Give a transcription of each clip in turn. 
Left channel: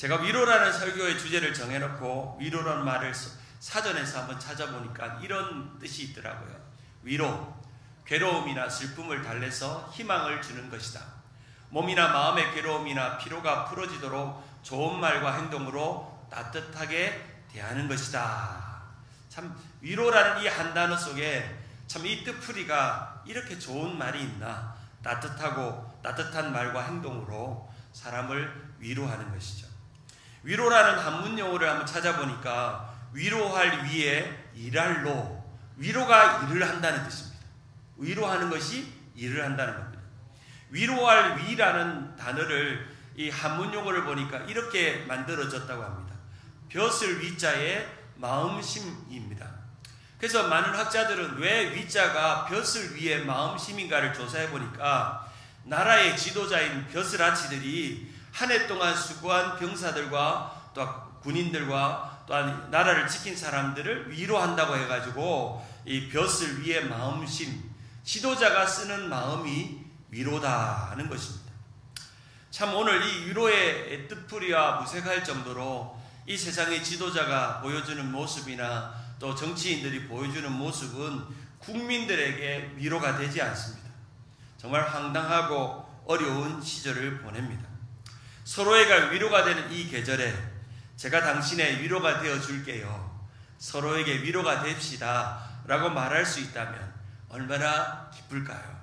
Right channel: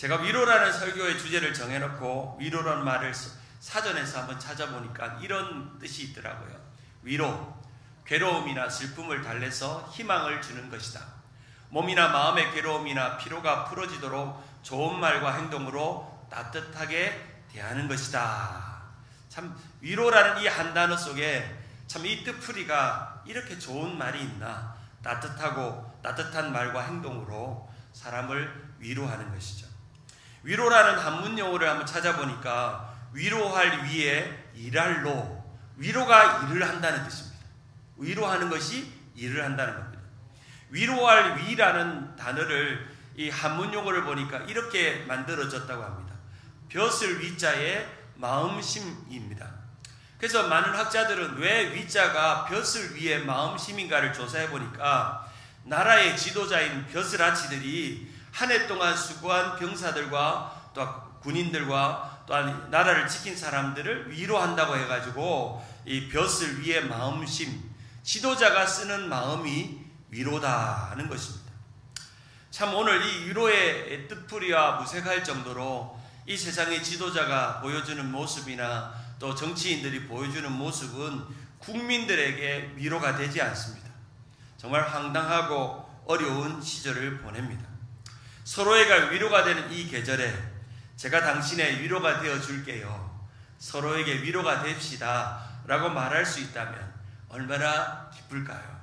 제가 위로라는 설교의 주제를 정해놓고 위로라는 말을 사전에서 한번 찾아보니까 이런 뜻이 있더라고요. 위로, 괴로움이나 슬픔을 달래서 희망을 주는 것이다. 몸이나 마음의 괴로움이나 피로가 풀어지도록 좋은 말과 행동으로 따뜻하게 대하는 것이다. 참 위로라는 이 한 단어 속에 참 이 뜻풀이가 이렇게 좋은 말이 있나. 따뜻한 말과 행동으로 사람을 위로하는 것이죠. 위로라는 한문 용어를 한번 찾아보니까 위로할 위에 일할 로, 위로가 일을 한다는 뜻입니다. 위로하는 것이 일을 한다는 겁니다. 위로할 위라는 단어를 이 한문 용어를 보니까 이렇게 만들어졌다고 합니다. 벼슬 위자의 마음심입니다. 그래서 많은 학자들은 왜 위자가 벼슬 위의 마음심인가를 조사해 보니까 나라의 지도자인 벼슬아치들이 한 해 동안 수고한 병사들과 또 군인들과 또한 나라를 지킨 사람들을 위로한다고 해가지고 이 벼슬 위의 마음심, 지도자가 쓰는 마음이 위로다는 것입니다. 참 오늘 이 위로의 뜻풀이와 무색할 정도로 이 세상의 지도자가 보여주는 모습이나 또 정치인들이 보여주는 모습은 국민들에게 위로가 되지 않습니다. 정말 황당하고 어려운 시절을 보냅니다. 서로에게 위로가 되는 이 계절에 제가 당신의 위로가 되어 줄게요. 서로에게 위로가 됩시다 라고 말할 수 있다면 얼마나 기쁠까요?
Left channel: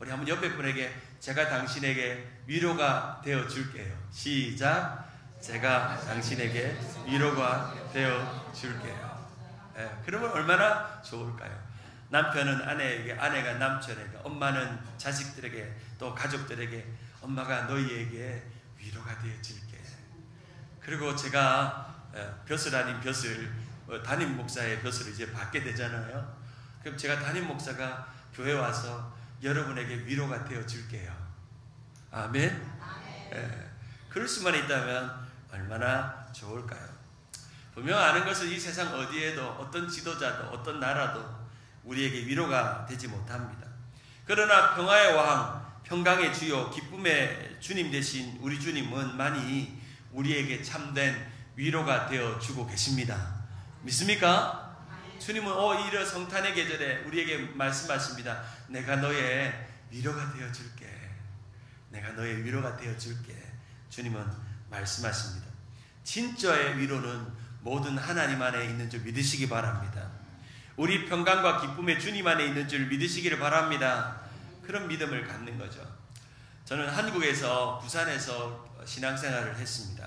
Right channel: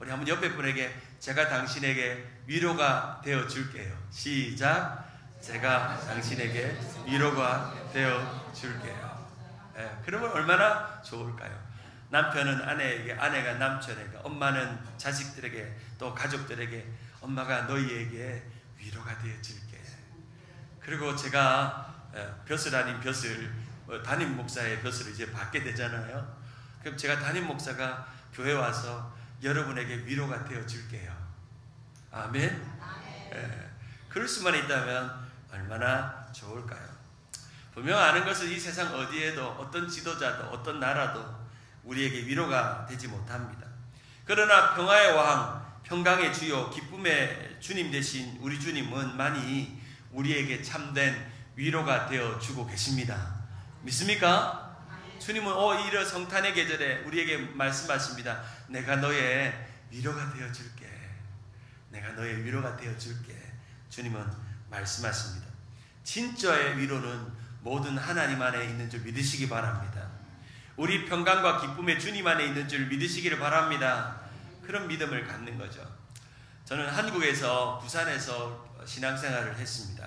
우리 한번 옆에 분에게 제가 당신에게 위로가 되어 줄게요. 시작. 제가 당신에게 위로가 되어 줄게요. 그러면 얼마나 좋을까요? 남편은 아내에게, 아내가 남편에게, 엄마는 자식들에게, 또 가족들에게 엄마가 너희에게 위로가 되어 줄게. 그리고 제가 벼슬 아닌 벼슬, 담임 목사의 벼슬을 이제 받게 되잖아요. 그럼 제가 담임 목사가 교회 와서 여러분에게 위로가 되어 줄게요. 아멘. 그럴 수만 있다면 얼마나 좋을까요? 분명 아는 것은 이 세상 어디에도 어떤 지도자도 어떤 나라도 우리에게 위로가 되지 못합니다. 그러나 평화의 왕, 평강의 주요, 기쁨의 주님 되신 우리 주님은 많이 우리에게 참된 위로가 되어주고 계십니다. 믿습니까? 주님은 이런 성탄의 계절에 우리에게 말씀하십니다. 내가 너의 위로가 되어줄게. 내가 너의 위로가 되어줄게. 주님은 말씀하십니다. 진짜의 위로는 모든 하나님 안에 있는 줄 믿으시기 바랍니다. 우리 평강과 기쁨의 주님 안에 있는 줄 믿으시기를 바랍니다. 그런 믿음을 갖는 거죠. 저는 한국에서 부산에서 신앙생활을 했습니다.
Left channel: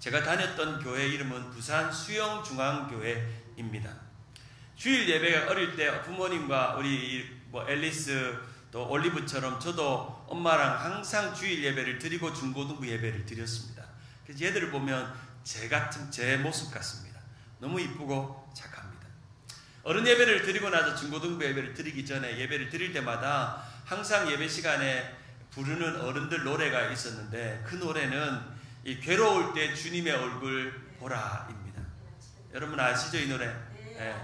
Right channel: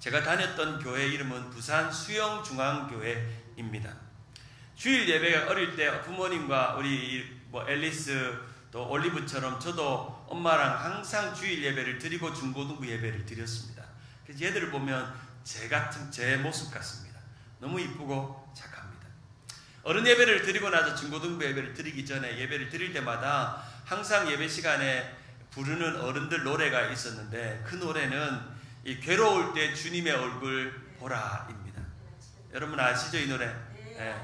제가 다녔던 교회 이름은 부산 수영중앙교회입니다. 주일 예배 어릴 때 부모님과 우리 앨리스 또 올리브처럼 저도 엄마랑 항상 주일 예배를 드리고 중고등부 예배를 드렸습니다. 그래서 얘들을 보면 제 모습 같습니다. 너무 이쁘고 착합니다. 어른 예배를 드리고 나서 중고등부 예배를 드리기 전에 예배를 드릴 때마다 항상 예배 시간에 부르는 어른들 노래가 있었는데 그 노래는 이 괴로울 때 주님의 얼굴 보라입니다. 여러분 아시죠 이 노래? 네.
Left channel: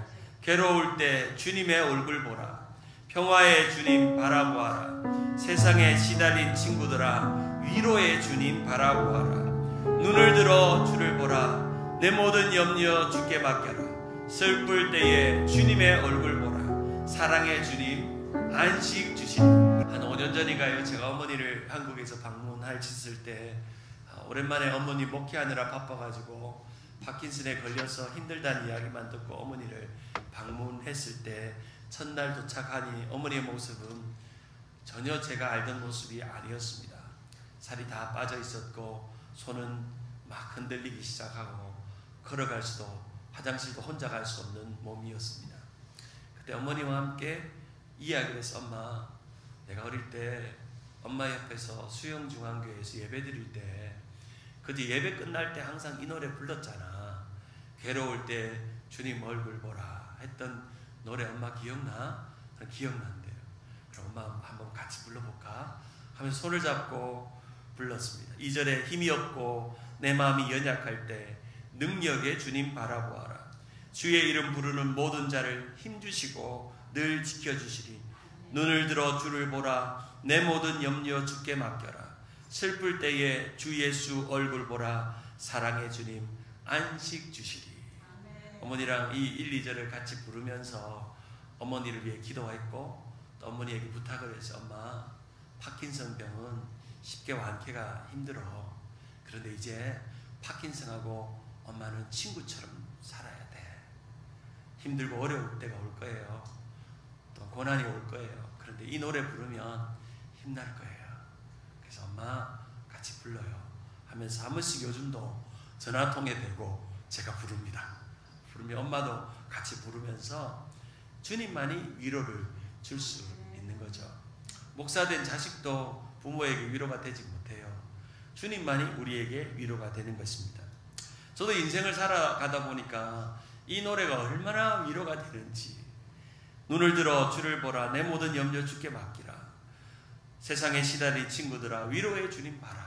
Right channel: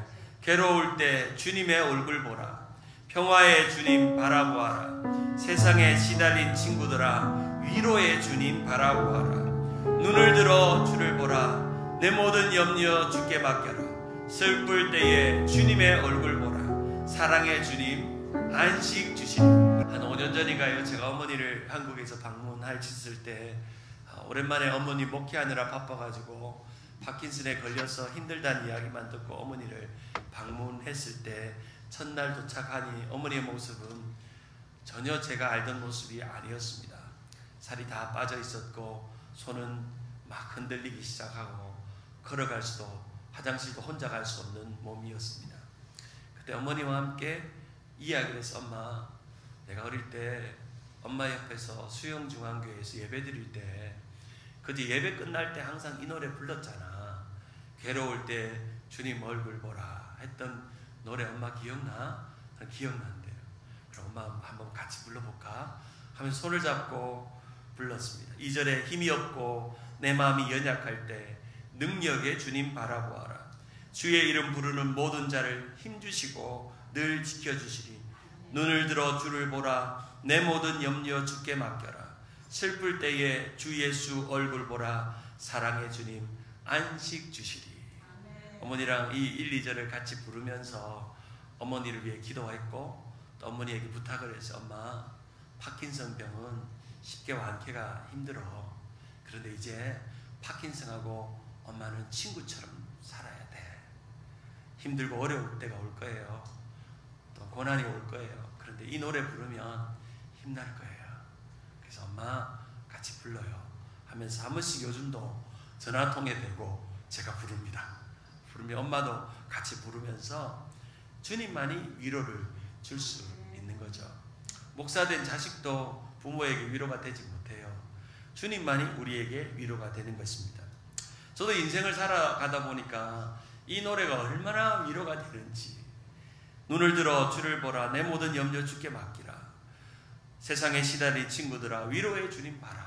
괴로울 때 주님의 얼굴 보라. 평화의 주님 바라보아라. 세상에 시달린 친구들아 위로의 주님 바라보아라. 눈을 들어 주를 보라. 내 모든 염려 주께 맡겨라. 슬플 때에 주님의 얼굴 보라. 사랑의 주님 안식 주시니. 한 5년 전인가요? 제가 어머니를 한국에서 방문했을 때 오랜만에 어머니 목회하느라 바빠가지고 파킨슨에 걸려서 힘들다는 이야기만 듣고 어머니를 방문했을 때 첫날 도착하니 어머니의 모습은 전혀 제가 알던 모습이 아니었습니다. 살이 다 빠져 있었고 손은 막 흔들리기 시작하고 걸어갈 수도 화장실도 혼자 갈 수 없는 몸이었습니다. 그때 어머니와 함께 이야기를 해서 엄마 내가 어릴 때 엄마 옆에서 수영중앙교회에서 예배 드릴 때 그때 예배 끝날 때 항상 이 노래 불렀잖아. 괴로울 때 주님 얼굴 보라 했던 노래 엄마 기억나? 기억난대요. 그럼 엄마 한번 같이 불러볼까? 하면서 손을 잡고 불렀습니다. 2절에 힘이 없고 내 마음이 연약할 때 능력의 주님 바라보아라. 주의 이름 부르는 모든 자를 힘주시고 늘 지켜주시리. 눈을 들어 주를 보라. 내 모든 염려 주께 맡겨라. 슬플 때에 주 예수 얼굴 보라. 사랑의 주님 안식 주시리. 어머니랑 이 1, 2절을 같이 부르면서 어머니를 위해 기도했고 또 어머니에게 부탁을 해서 엄마 파킨슨 병은 쉽게 완쾌가 힘들어. 그런데 이제 파킨슨하고 엄마는 친구처럼 살아야 돼. 힘들고 어려울 때가 올 거예요. 또 고난이 올 거예요. 그런데 이 노래 부르면 힘날 거예요. 그래서 엄마 같이 불러요 하면서 한 번씩 요즘도 전화통에 대고 제가 부릅니다. 부르면 엄마도 같이 부르면서 주님만이 위로를 줄 수 있는 거죠. 목사된 자식도 부모에게 위로가 되지 못해요. 주님만이 우리에게 위로가 되는 것입니다. 저도 인생을 살아가다 보니까 이 노래가 얼마나 위로가 되는지. 눈을 들어 주를 보라 내 모든 염려 주께 맡기라. 세상에 시달린 친구들아 위로의 주님 봐라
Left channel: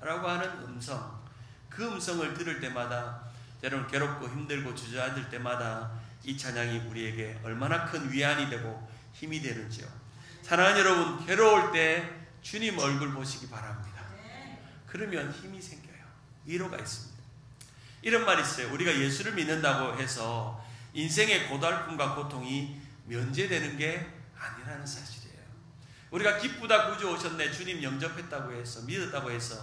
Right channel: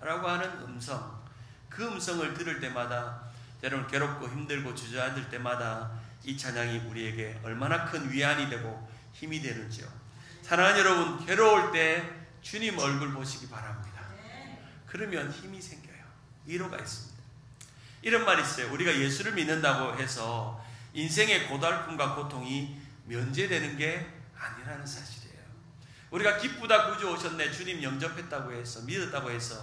라고 하는 음성, 그 음성을 들을 때마다 때로는 괴롭고 힘들고 주저앉을 때마다 이 찬양이 우리에게 얼마나 큰 위안이 되고 힘이 되는지요. 사랑하는 여러분, 괴로울 때 주님 얼굴 보시기 바랍니다. 그러면 힘이 생겨요. 위로가 있습니다. 이런 말이 있어요. 우리가 예수를 믿는다고 해서 인생의 고달픔과 고통이 면제되는 게 아니라는 사실이에요. 우리가 기쁘다 구주 오셨네 주님 영접했다고 해서 믿었다고 해서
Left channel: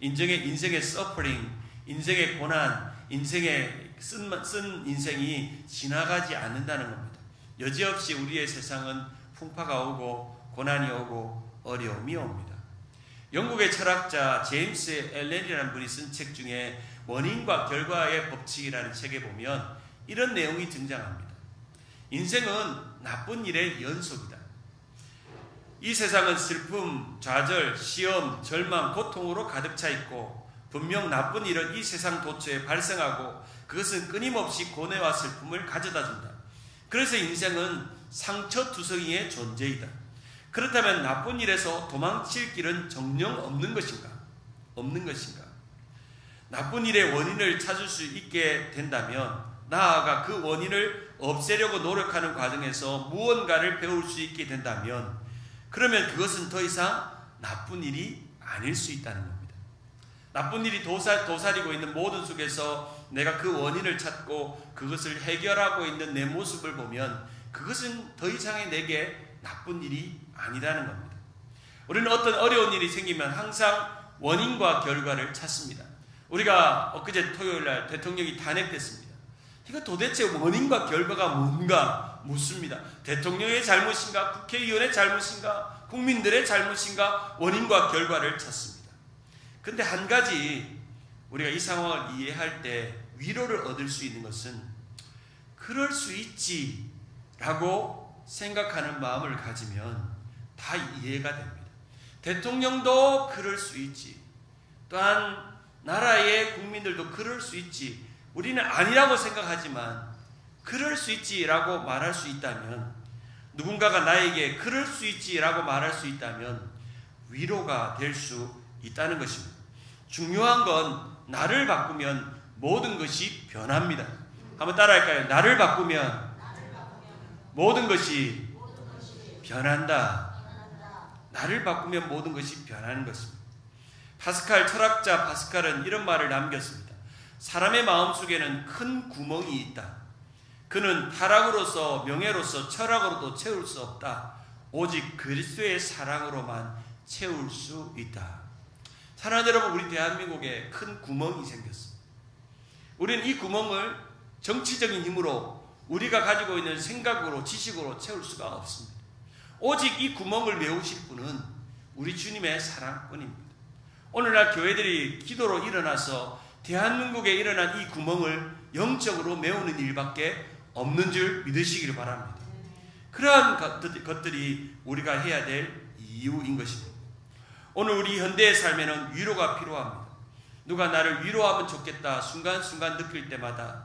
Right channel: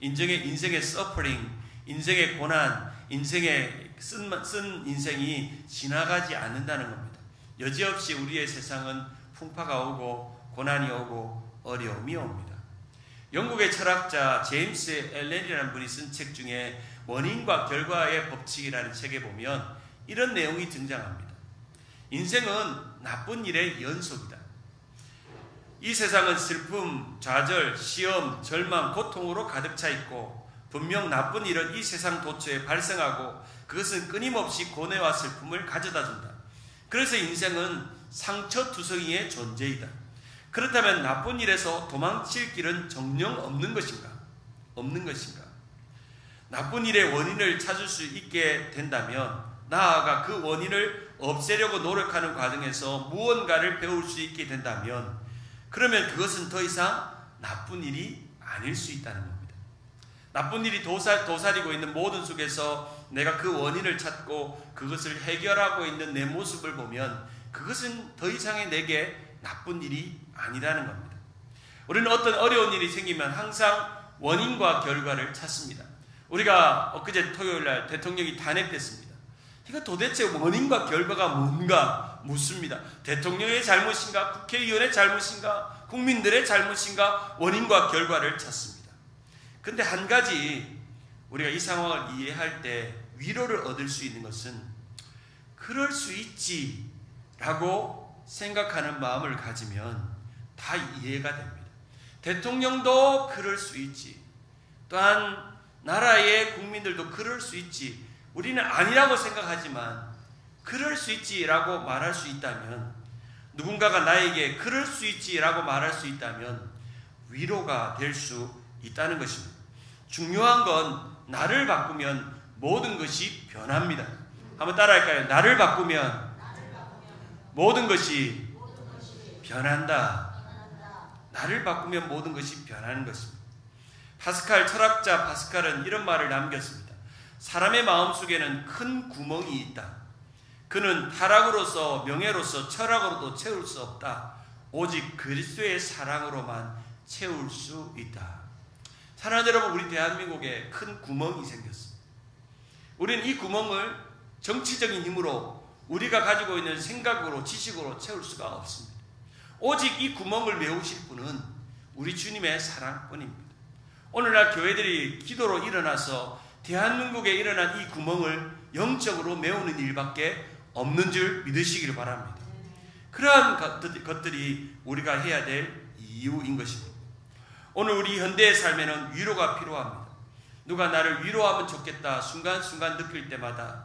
인생의 서퍼링, 인생의 고난, 인생의 쓴 인생이 지나가지 않는다는 겁니다. 여지없이 우리의 세상은 풍파가 오고 고난이 오고 어려움이 옵니다. 영국의 철학자 제임스 앨런이라는 분이 쓴 책 중에 원인과 결과의 법칙이라는 책에 보면 이런 내용이 등장합니다. 인생은 나쁜 일의 연속이다. 이 세상은 슬픔, 좌절, 시험, 절망, 고통으로 가득 차 있고 분명 나쁜 일은 이 세상 도처에 발생하고 그것은 끊임없이 고뇌와 슬픔을 가져다 준다. 그래서 인생은 상처투성이의 존재이다. 그렇다면 나쁜 일에서 도망칠 길은 정녕 없는 것인가? 없는 것인가? 나쁜 일의 원인을 찾을 수 있게 된다면 나아가 그 원인을 없애려고 노력하는 과정에서 무언가를 배울 수 있게 된다면 그러면 그것은 더 이상 나쁜 일이 아닐 수 있다는 겁니다. 나쁜 일이 도사리고 있는 모든 속에서 내가 그 원인을 찾고 그것을 해결하고 있는 내 모습을 보면 그것은 더 이상의 내게 나쁜 일이 아니라는 겁니다. 우리는 어떤 어려운 일이 생기면 항상 원인과 결과를 찾습니다. 우리가 엊그제 토요일날 대통령이 탄핵됐습니다. 이거 도대체 원인과 결과가 뭔가 묻습니다. 대통령의 잘못인가? 국회의원의 잘못인가? 국민들의 잘못인가? 원인과 결과를 찾습니다. 근데 한 가지 우리가 이 상황을 이해할 때 위로를 얻을 수 있는 것은 그럴 수 있지 라고 생각하는 마음을 가지면 다 이해가 됩니다. 대통령도 그럴 수 있지. 또한 나라의 국민들도 그럴 수 있지. 우리는 아니라고 생각하지만 그럴 수 있지라고 말할 수 있다면, 누군가가 나에게 그럴 수 있지라고 말할 수 있다면 위로가 될 수 있다는 것입니다. 중요한 건 나를 바꾸면 모든 것이 변합니다. 한번 따라할까요? 나를 바꾸면 모든 것이 변한다. 나를 바꾸면 모든 것이 변하는 것입니다. 파스칼, 철학자 파스칼은 이런 말을 남겼습니다. 사람의 마음속에는 큰 구멍이 있다. 그는 타락으로서, 명예로서, 철학으로도 채울 수 없다. 오직 그리스도의 사랑으로만 채울 수 있다. 사랑하는 여러분, 우리 대한민국에 큰 구멍이 생겼습니다. 우리는 이 구멍을 정치적인 힘으로, 우리가 가지고 있는 생각으로, 지식으로 채울 수가 없습니다. 오직 이 구멍을 메우실 분은 우리 주님의 사랑뿐입니다. 오늘날 교회들이 기도로 일어나서 대한민국에 일어난 이 구멍을 영적으로 메우는 일밖에 없는 줄 믿으시기를 바랍니다. 그러한 것들이 우리가 해야 될 이유인 것입니다. 오늘 우리 현대의 삶에는 위로가 필요합니다. 누가 나를 위로하면 좋겠다 순간순간 느낄 때마다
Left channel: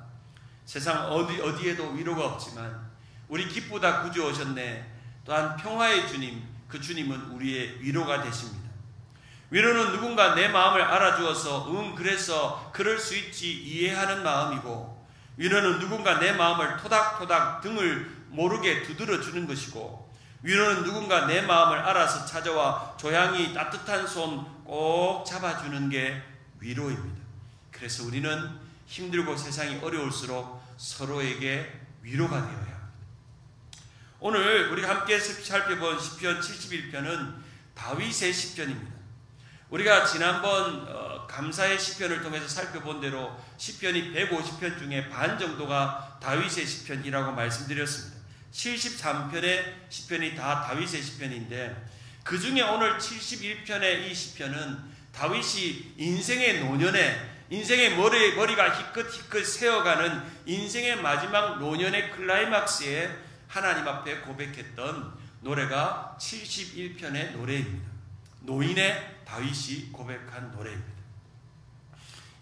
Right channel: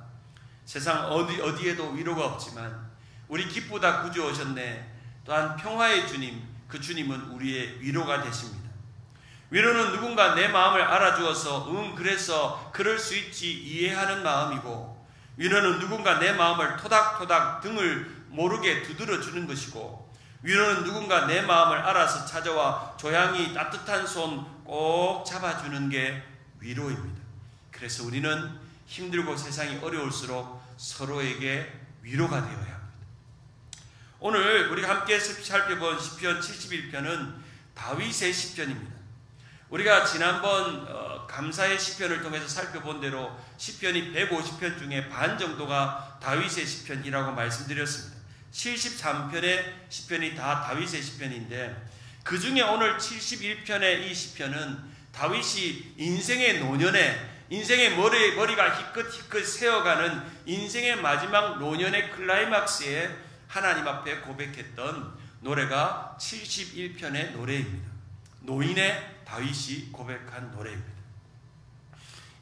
세상 어디에도 위로가 없지만 우리 기쁘다 구주 오셨네, 또한 평화의 주님, 그 주님은 우리의 위로가 되십니다. 위로는 누군가 내 마음을 알아주어서 그래서 그럴 수 있지 이해하는 마음이고, 위로는 누군가 내 마음을 토닥토닥 등을 모르게 두드려주는 것이고, 위로는 누군가 내 마음을 알아서 찾아와 조양이 따뜻한 손 꼭 잡아주는 게 위로입니다. 그래서 우리는 힘들고 세상이 어려울수록 서로에게 위로가 되어야 합니다. 오늘 우리가 함께 살펴본 시편 71편은 다윗의 시편입니다. 우리가 지난번 감사의 시편을 통해서 살펴본 대로 시편이 150편 중에 반 정도가 다윗의 시편이라고 말씀드렸습니다. 73편의 시편이 다 다윗의 시편인데 그 중에 오늘 71편의 이 시편은 다윗이 인생의 노년에 인생의 머리가 희끗희끗 세어가는 인생의 마지막 노년의 클라이막스에 하나님 앞에 고백했던 노래가 71편의 노래입니다. 노인의 다윗이 고백한 노래입니다.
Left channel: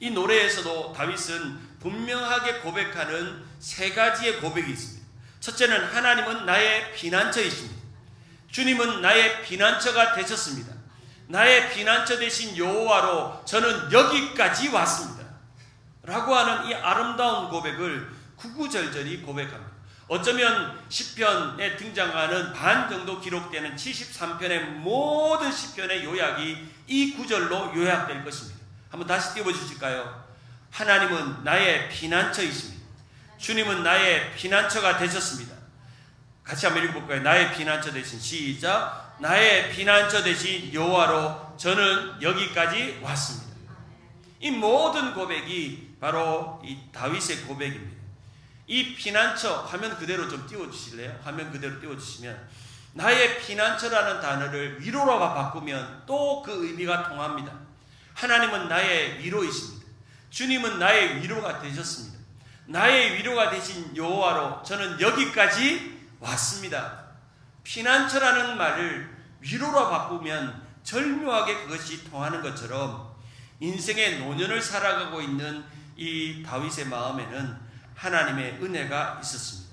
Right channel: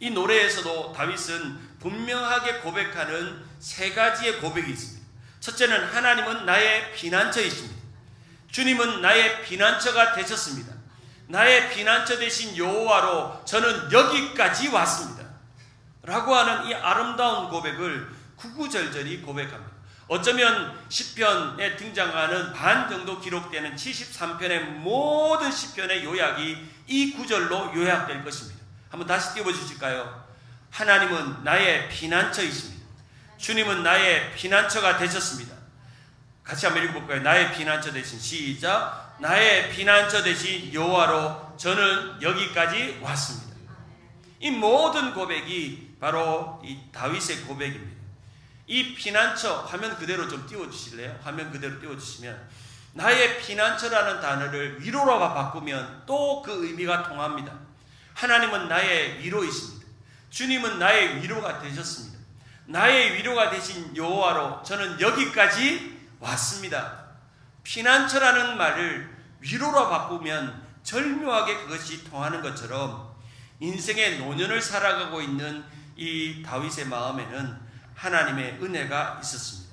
이 노래에서도 다윗은 분명하게 고백하는 세 가지의 고백이 있습니다. 첫째는 하나님은 나의 피난처이십니다. 주님은 나의 피난처가 되셨습니다. 나의 피난처 되신 여호와로 저는 여기까지 왔습니다. 라고 하는 이 아름다운 고백을 구구절절히 고백합니다. 어쩌면 시편에 등장하는 반 정도 기록되는 73편의 모든 시편의 요약이 이 구절로 요약될 것입니다. 한번 다시 띄워주실까요? 하나님은 나의 피난처이십니다. 주님은 나의 피난처가 되셨습니다. 같이 한번 읽어볼까요? 나의 피난처 되신 시작. 나의 피난처 되신 여호와로 저는 여기까지 왔습니다. 이 모든 고백이 바로 이 다윗의 고백입니다. 이 피난처 화면 그대로 좀 띄워주실래요? 화면 그대로 띄워주시면 나의 피난처라는 단어를 위로로 바꾸면 또 그 의미가 통합니다. 하나님은 나의 위로이십니다. 주님은 나의 위로가 되셨습니다. 나의 위로가 되신 여호와로 저는 여기까지 왔습니다. 피난처라는 말을 위로로 바꾸면 절묘하게 그것이 통하는 것처럼 인생의 노년을 살아가고 있는 이 다윗의 마음에는 하나님의 은혜가 있었습니다.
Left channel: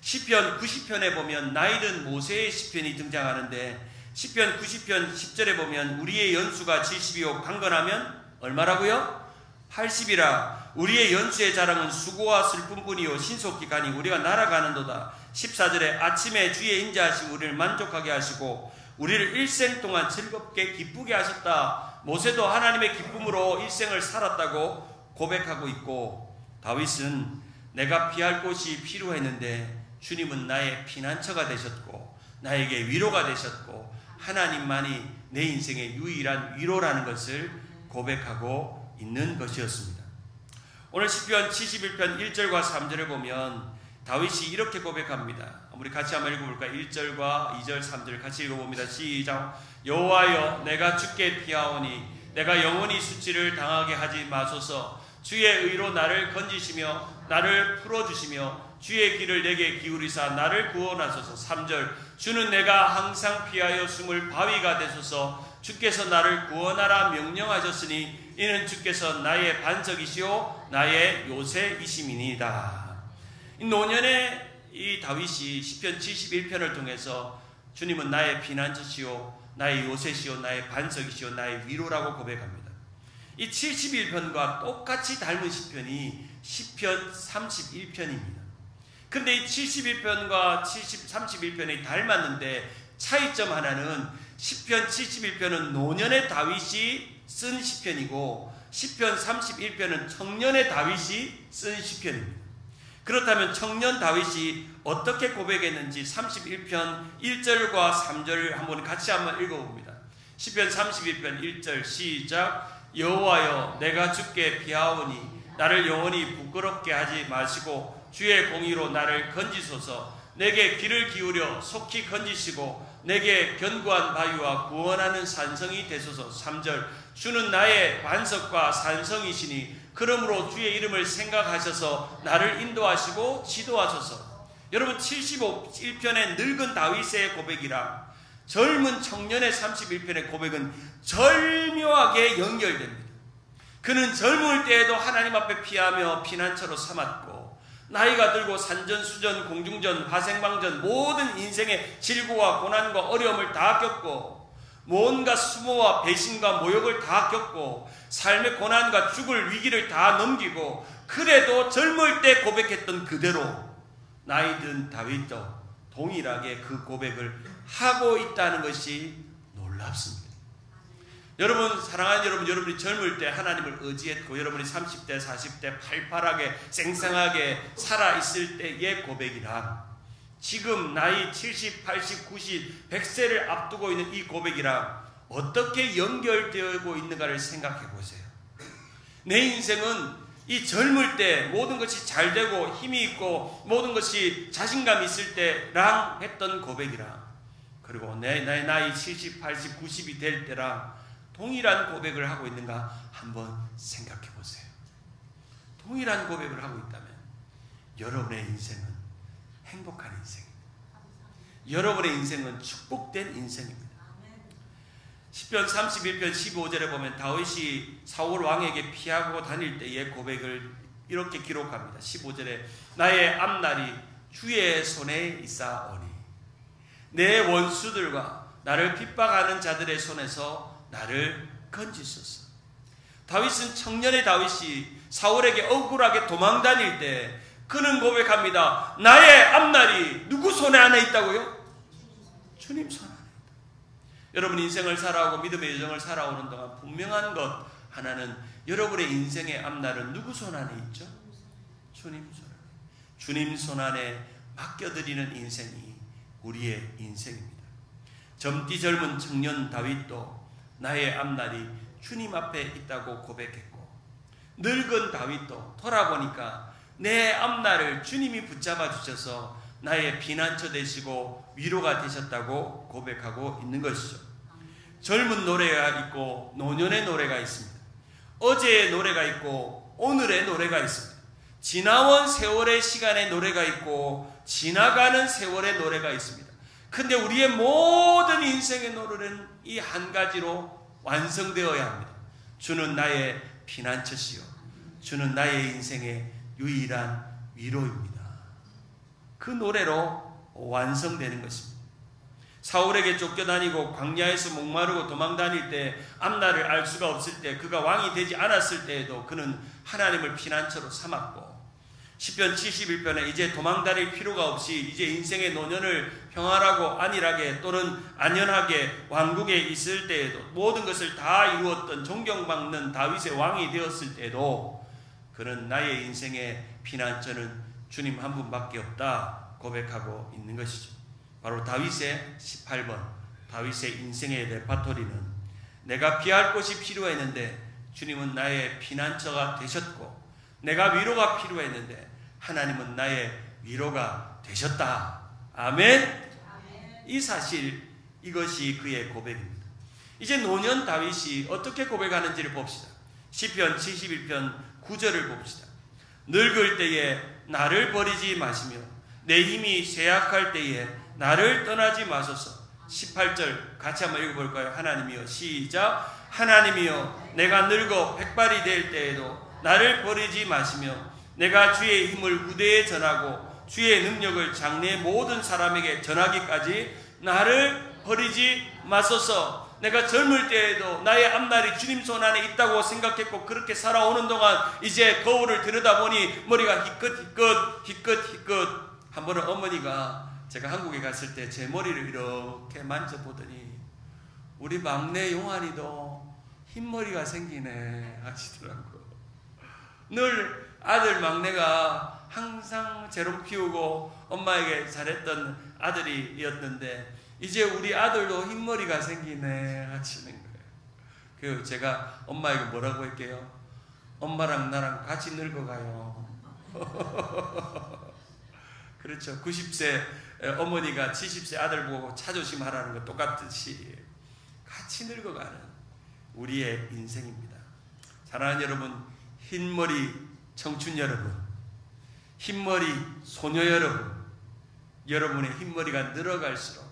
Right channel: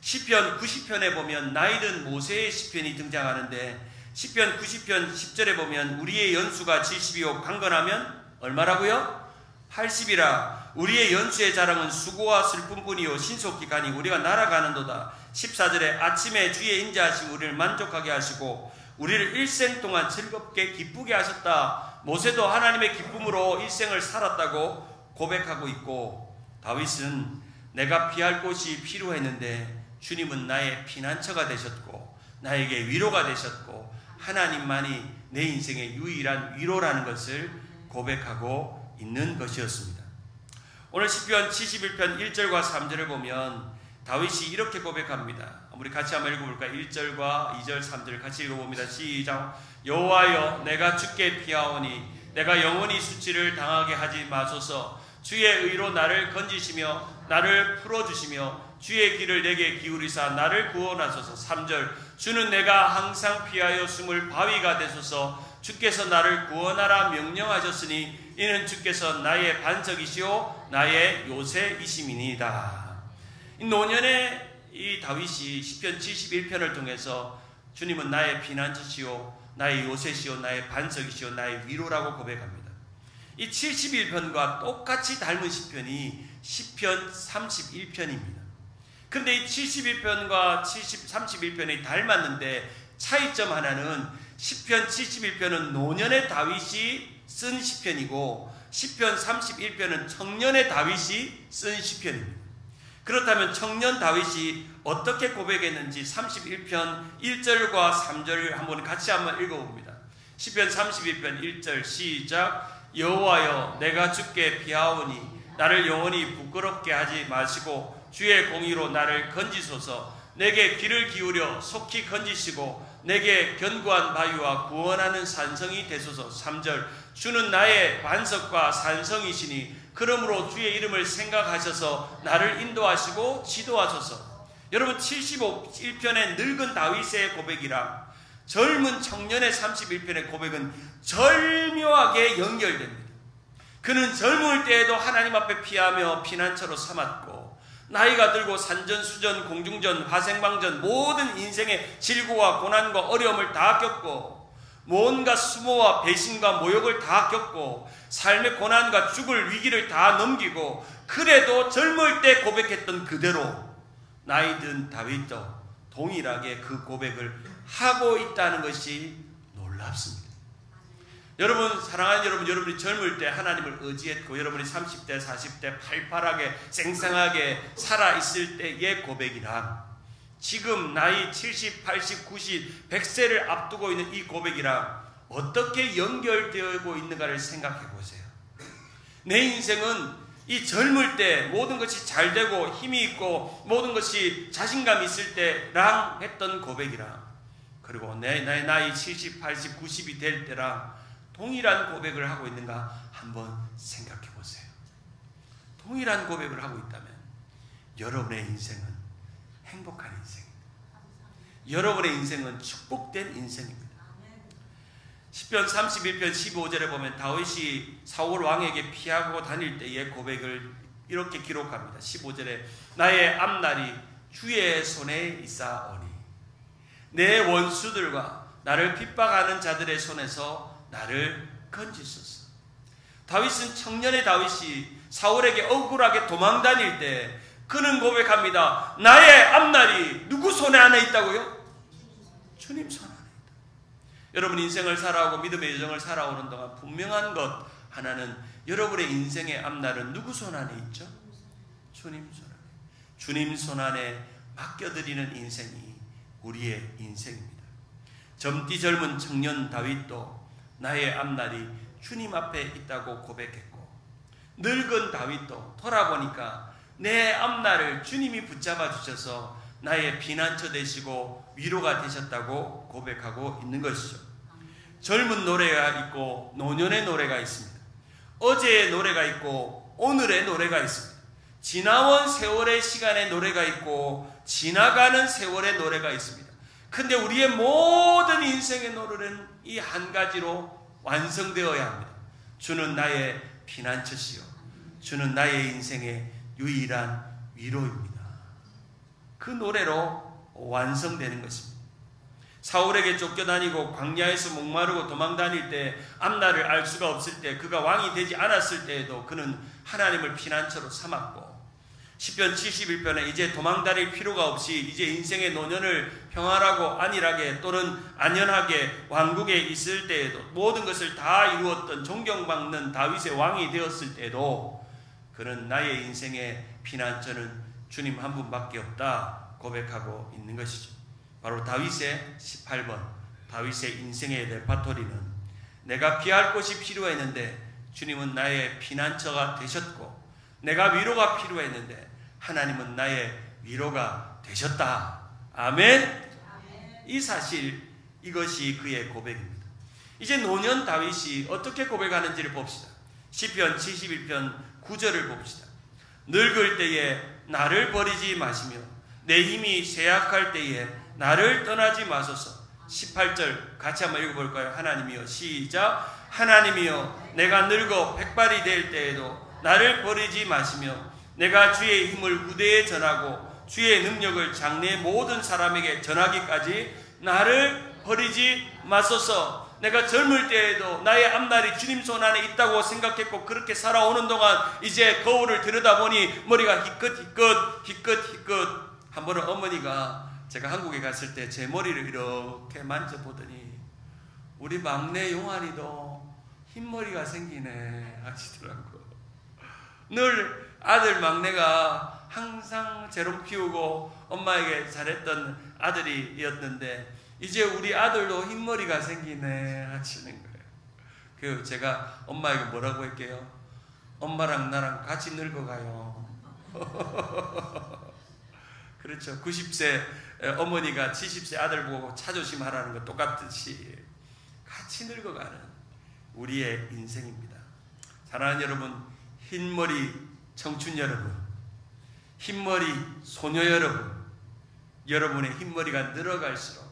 시편 90편에 보면 나이든 모세의 시편이 등장하는데 시편 90편 10절에 보면 우리의 연수가 70이요 강건하면 얼마라고요? 80이라. 우리의 연수의 자랑은 수고와 슬픔뿐이요 신속히 가니 우리가 날아가는도다. 14절에 아침에 주의 인자하심 우리를 만족하게 하시고 우리를 일생 동안 즐겁게 기쁘게 하셨다. 모세도 하나님의 기쁨으로 일생을 살았다고 고백하고 있고 다윗은 내가 피할 곳이 필요했는데 주님은 나의 피난처가 되셨고 나에게 위로가 되셨고 하나님만이 내 인생의 유일한 위로라는 것을 고백하고 있는 것이었습니다. 오늘 시편 71편 1절과 3절을 보면 다윗이 이렇게 고백합니다. 우리 같이 한번 읽어볼까요? 1절과 2절 3절 같이 읽어봅니다. 시작. 여호와여 내가 주께 피하오니 내가 영원히 수치를 당하게 하지 마소서. 주의 의로 나를 건지시며 나를 풀어주시며 주의 귀를 내게 기울이사 나를 구원하소서. 3절 주는 내가 항상 피하여 숨을 바위가 되소서. 주께서 나를 구원하라 명령하셨으니 이는 주께서 나의 반석이시오 나의 요새이심이니이다. 이 노년의 이 다윗이 시편 71편을 통해서 주님은 나의 피난처시오 나의 요새시오 나의 반석이시오 나의 위로라고 고백합니다. 이 71편과 똑같이 닮은 시편이 시편 31편입니다. 그런데 이 71편과 31편이 닮았는데 차이점 하나는 시편 71편은 노년의 다윗이 쓴 시편이고 시편 31편은 청년의 다윗이 쓴 시편입니다. 그렇다면 청년 다윗이 어떻게 고백했는지 31편 1절과 3절을 같이 한번 읽어봅니다. 시편 31편 1절 시작. 여호와여 내가 주께 피하오니 나를 영원히 부끄럽게 하지 마시고 주의 공의로 나를 건지소서. 내게 귀를 기울여 속히 건지시고 내게 견고한 바위와 구원하는 산성이 되소서. 3절 주는 나의 반석과 산성이시니 그러므로 주의 이름을 생각하셔서 나를 인도하시고 지도하소서. 여러분 71편의 늙은 다윗의 고백이랑 젊은 청년의 31편의 고백은 절묘하게 연결됩니다. 그는 젊을 때에도 하나님 앞에 피하며 피난처로 삼았고 나이가 들고 산전수전 공중전 화생방전 모든 인생의 질고와 고난과 어려움을 다 겪고 뭔가 수모와 배신과 모욕을 다 겪고 삶의 고난과 죽을 위기를 다 넘기고 그래도 젊을 때 고백했던 그대로 나이든 다윗도 동일하게 그 고백을 하고 있다는 것이 놀랍습니다. 여러분, 사랑하는 여러분, 여러분이 젊을 때 하나님을 의지했고 여러분이 30대, 40대 팔팔하게 생생하게 살아있을 때의 고백이랑 지금 나이 70, 80, 90, 100세를 앞두고 있는 이 고백이랑 어떻게 연결되고 있는가를 생각해 보세요. 내 인생은 이 젊을 때 모든 것이 잘 되고 힘이 있고 모든 것이 자신감 있을 때랑 했던 고백이랑 그리고 내 나이 70, 80, 90이 될 때랑 동일한 고백을 하고 있는가 한번 생각해 보세요. 동일한 고백을 하고 있다면 여러분의 인생은 행복한 인생입니다. 여러분의 인생은 축복된 인생입니다. 시편 31편 15절에 보면 다윗이 사울 왕에게 피하고 다닐 때의 고백을 이렇게 기록합니다. 15절에 나의 앞날이 주의 손에 있사오니 내 원수들과 나를 핍박하는 자들의 손에서 나를 건지소서. 다윗은 청년의 다윗이 사울에게 억울하게 도망 다닐 때 그는 고백합니다. 나의 앞날이 누구 손에 안에 있다고요? 주님 손 안에 있다. 여러분 인생을 살아오고 믿음의 여정을 살아오는 동안 분명한 것 하나는 여러분의 인생의 앞날은 누구 손 안에 있죠? 주님 손 안에. 주님 손 안에 맡겨드리는 인생이 우리의 인생입니다. 젊디 젊은 청년 다윗도 나의 앞날이 주님 앞에 있다고 고백했고 늙은 다윗도 돌아보니까 내 앞날을 주님이 붙잡아 주셔서 나의 피난처 되시고 위로가 되셨다고 고백하고 있는 것이죠. 젊은 노래가 있고 노년의 노래가 있습니다. 어제의 노래가 있고 오늘의 노래가 있습니다. 지나온 세월의 시간의 노래가 있고 지나가는 세월의 노래가 있습니다. 근데 우리의 모든 인생의 노래는 이 한 가지로 완성되어야 합니다. 주는 나의 피난처시요 주는 나의 인생의 유일한 위로입니다. 그 노래로 완성되는 것입니다. 사울에게 쫓겨다니고 광야에서 목마르고 도망다닐 때 앞날을 알 수가 없을 때 그가 왕이 되지 않았을 때에도 그는 하나님을 피난처로 삼았고 시편 71편에 이제 도망다닐 필요가 없이 이제 인생의 노년을 평안하고 안일하게 또는 안연하게 왕국에 있을 때에도 모든 것을 다 이루었던 존경받는 다윗의 왕이 되었을 때에도 그는 나의 인생의 피난처는 주님 한 분밖에 없다 고백하고 있는 것이죠. 바로 다윗의 18번 다윗의 인생의 레파토리는 내가 피할 곳이 필요했는데 주님은 나의 피난처가 되셨고 내가 위로가 필요했는데 하나님은 나의 위로가 되셨다. 아멘. 이 사실 이것이 그의 고백입니다. 이제 노년 다윗이 어떻게 고백하는지를 봅시다. 시편 71편 9절을 봅시다. 늙을 때에 나를 버리지 마시며 내 힘이 쇠약할 때에 나를 떠나지 마소서. 18절 같이 한번 읽어볼까요? 하나님이여 시작. 하나님이여 내가 늙어 백발이 될 때에도 나를 버리지 마시며 내가 주의 힘을 후대에 전하고 주의 능력을 장래 모든 사람에게 전하기까지 나를 버리지 마소서. 내가 젊을 때에도 나의 앞날이 주님 손 안에 있다고 생각했고 그렇게 살아오는 동안 이제 거울을 들여다보니 머리가 희끗. 한 번은 어머니가 제가 한국에 갔을 때 제 머리를 이렇게 만져보더니 우리 막내 용환이도 흰머리가 생기네 하시더라고요. 늘 아들 막내가 항상 재롱 피우고 엄마에게 잘했던 아들이었는데 이제 우리 아들도 흰머리가 생기네 하시는 거예요. 그래서 제가 엄마에게 뭐라고 할게요? 엄마랑 나랑 같이 늙어가요. 그렇죠. 90세 어머니가 70세 아들 보고 차조심하라는 것 똑같듯이 같이 늙어가는 우리의 인생입니다. 사랑하는 여러분, 흰머리 청춘 여러분, 흰머리 소녀 여러분, 여러분의 흰머리가 늘어갈수록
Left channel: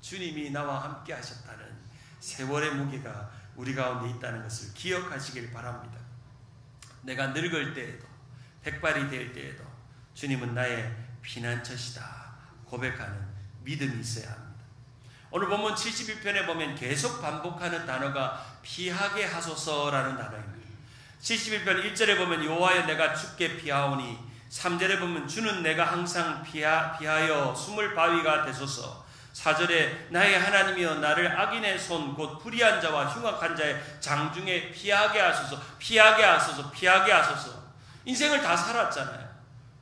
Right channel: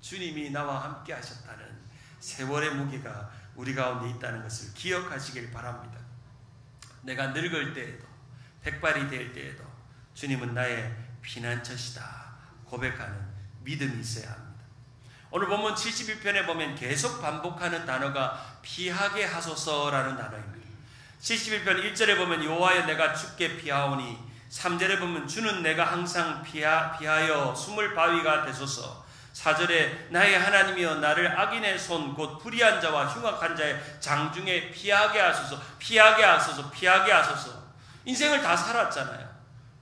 주님이 나와 함께 하셨다는 세월의 무게가 우리 가운데 있다는 것을 기억하시길 바랍니다. 내가 늙을 때에도 백발이 될 때에도 주님은 나의 피난처시다 고백하는 믿음이 있어야 합니다. 오늘 본문 71편에 보면 계속 반복하는 단어가 피하게 하소서라는 단어입니다. 71편 1절에 보면 여호와여 내가 주께 피하오니 3절에 보면 주는 내가 항상 피하여 숨을 바위가 되소서 4절에 나의 하나님이여 나를 악인의 손 곧 불의한 자와 흉악한 자의 장중에 피하게 하소서, 피하게 하소서, 피하게 하소서. 인생을 다 살았잖아요.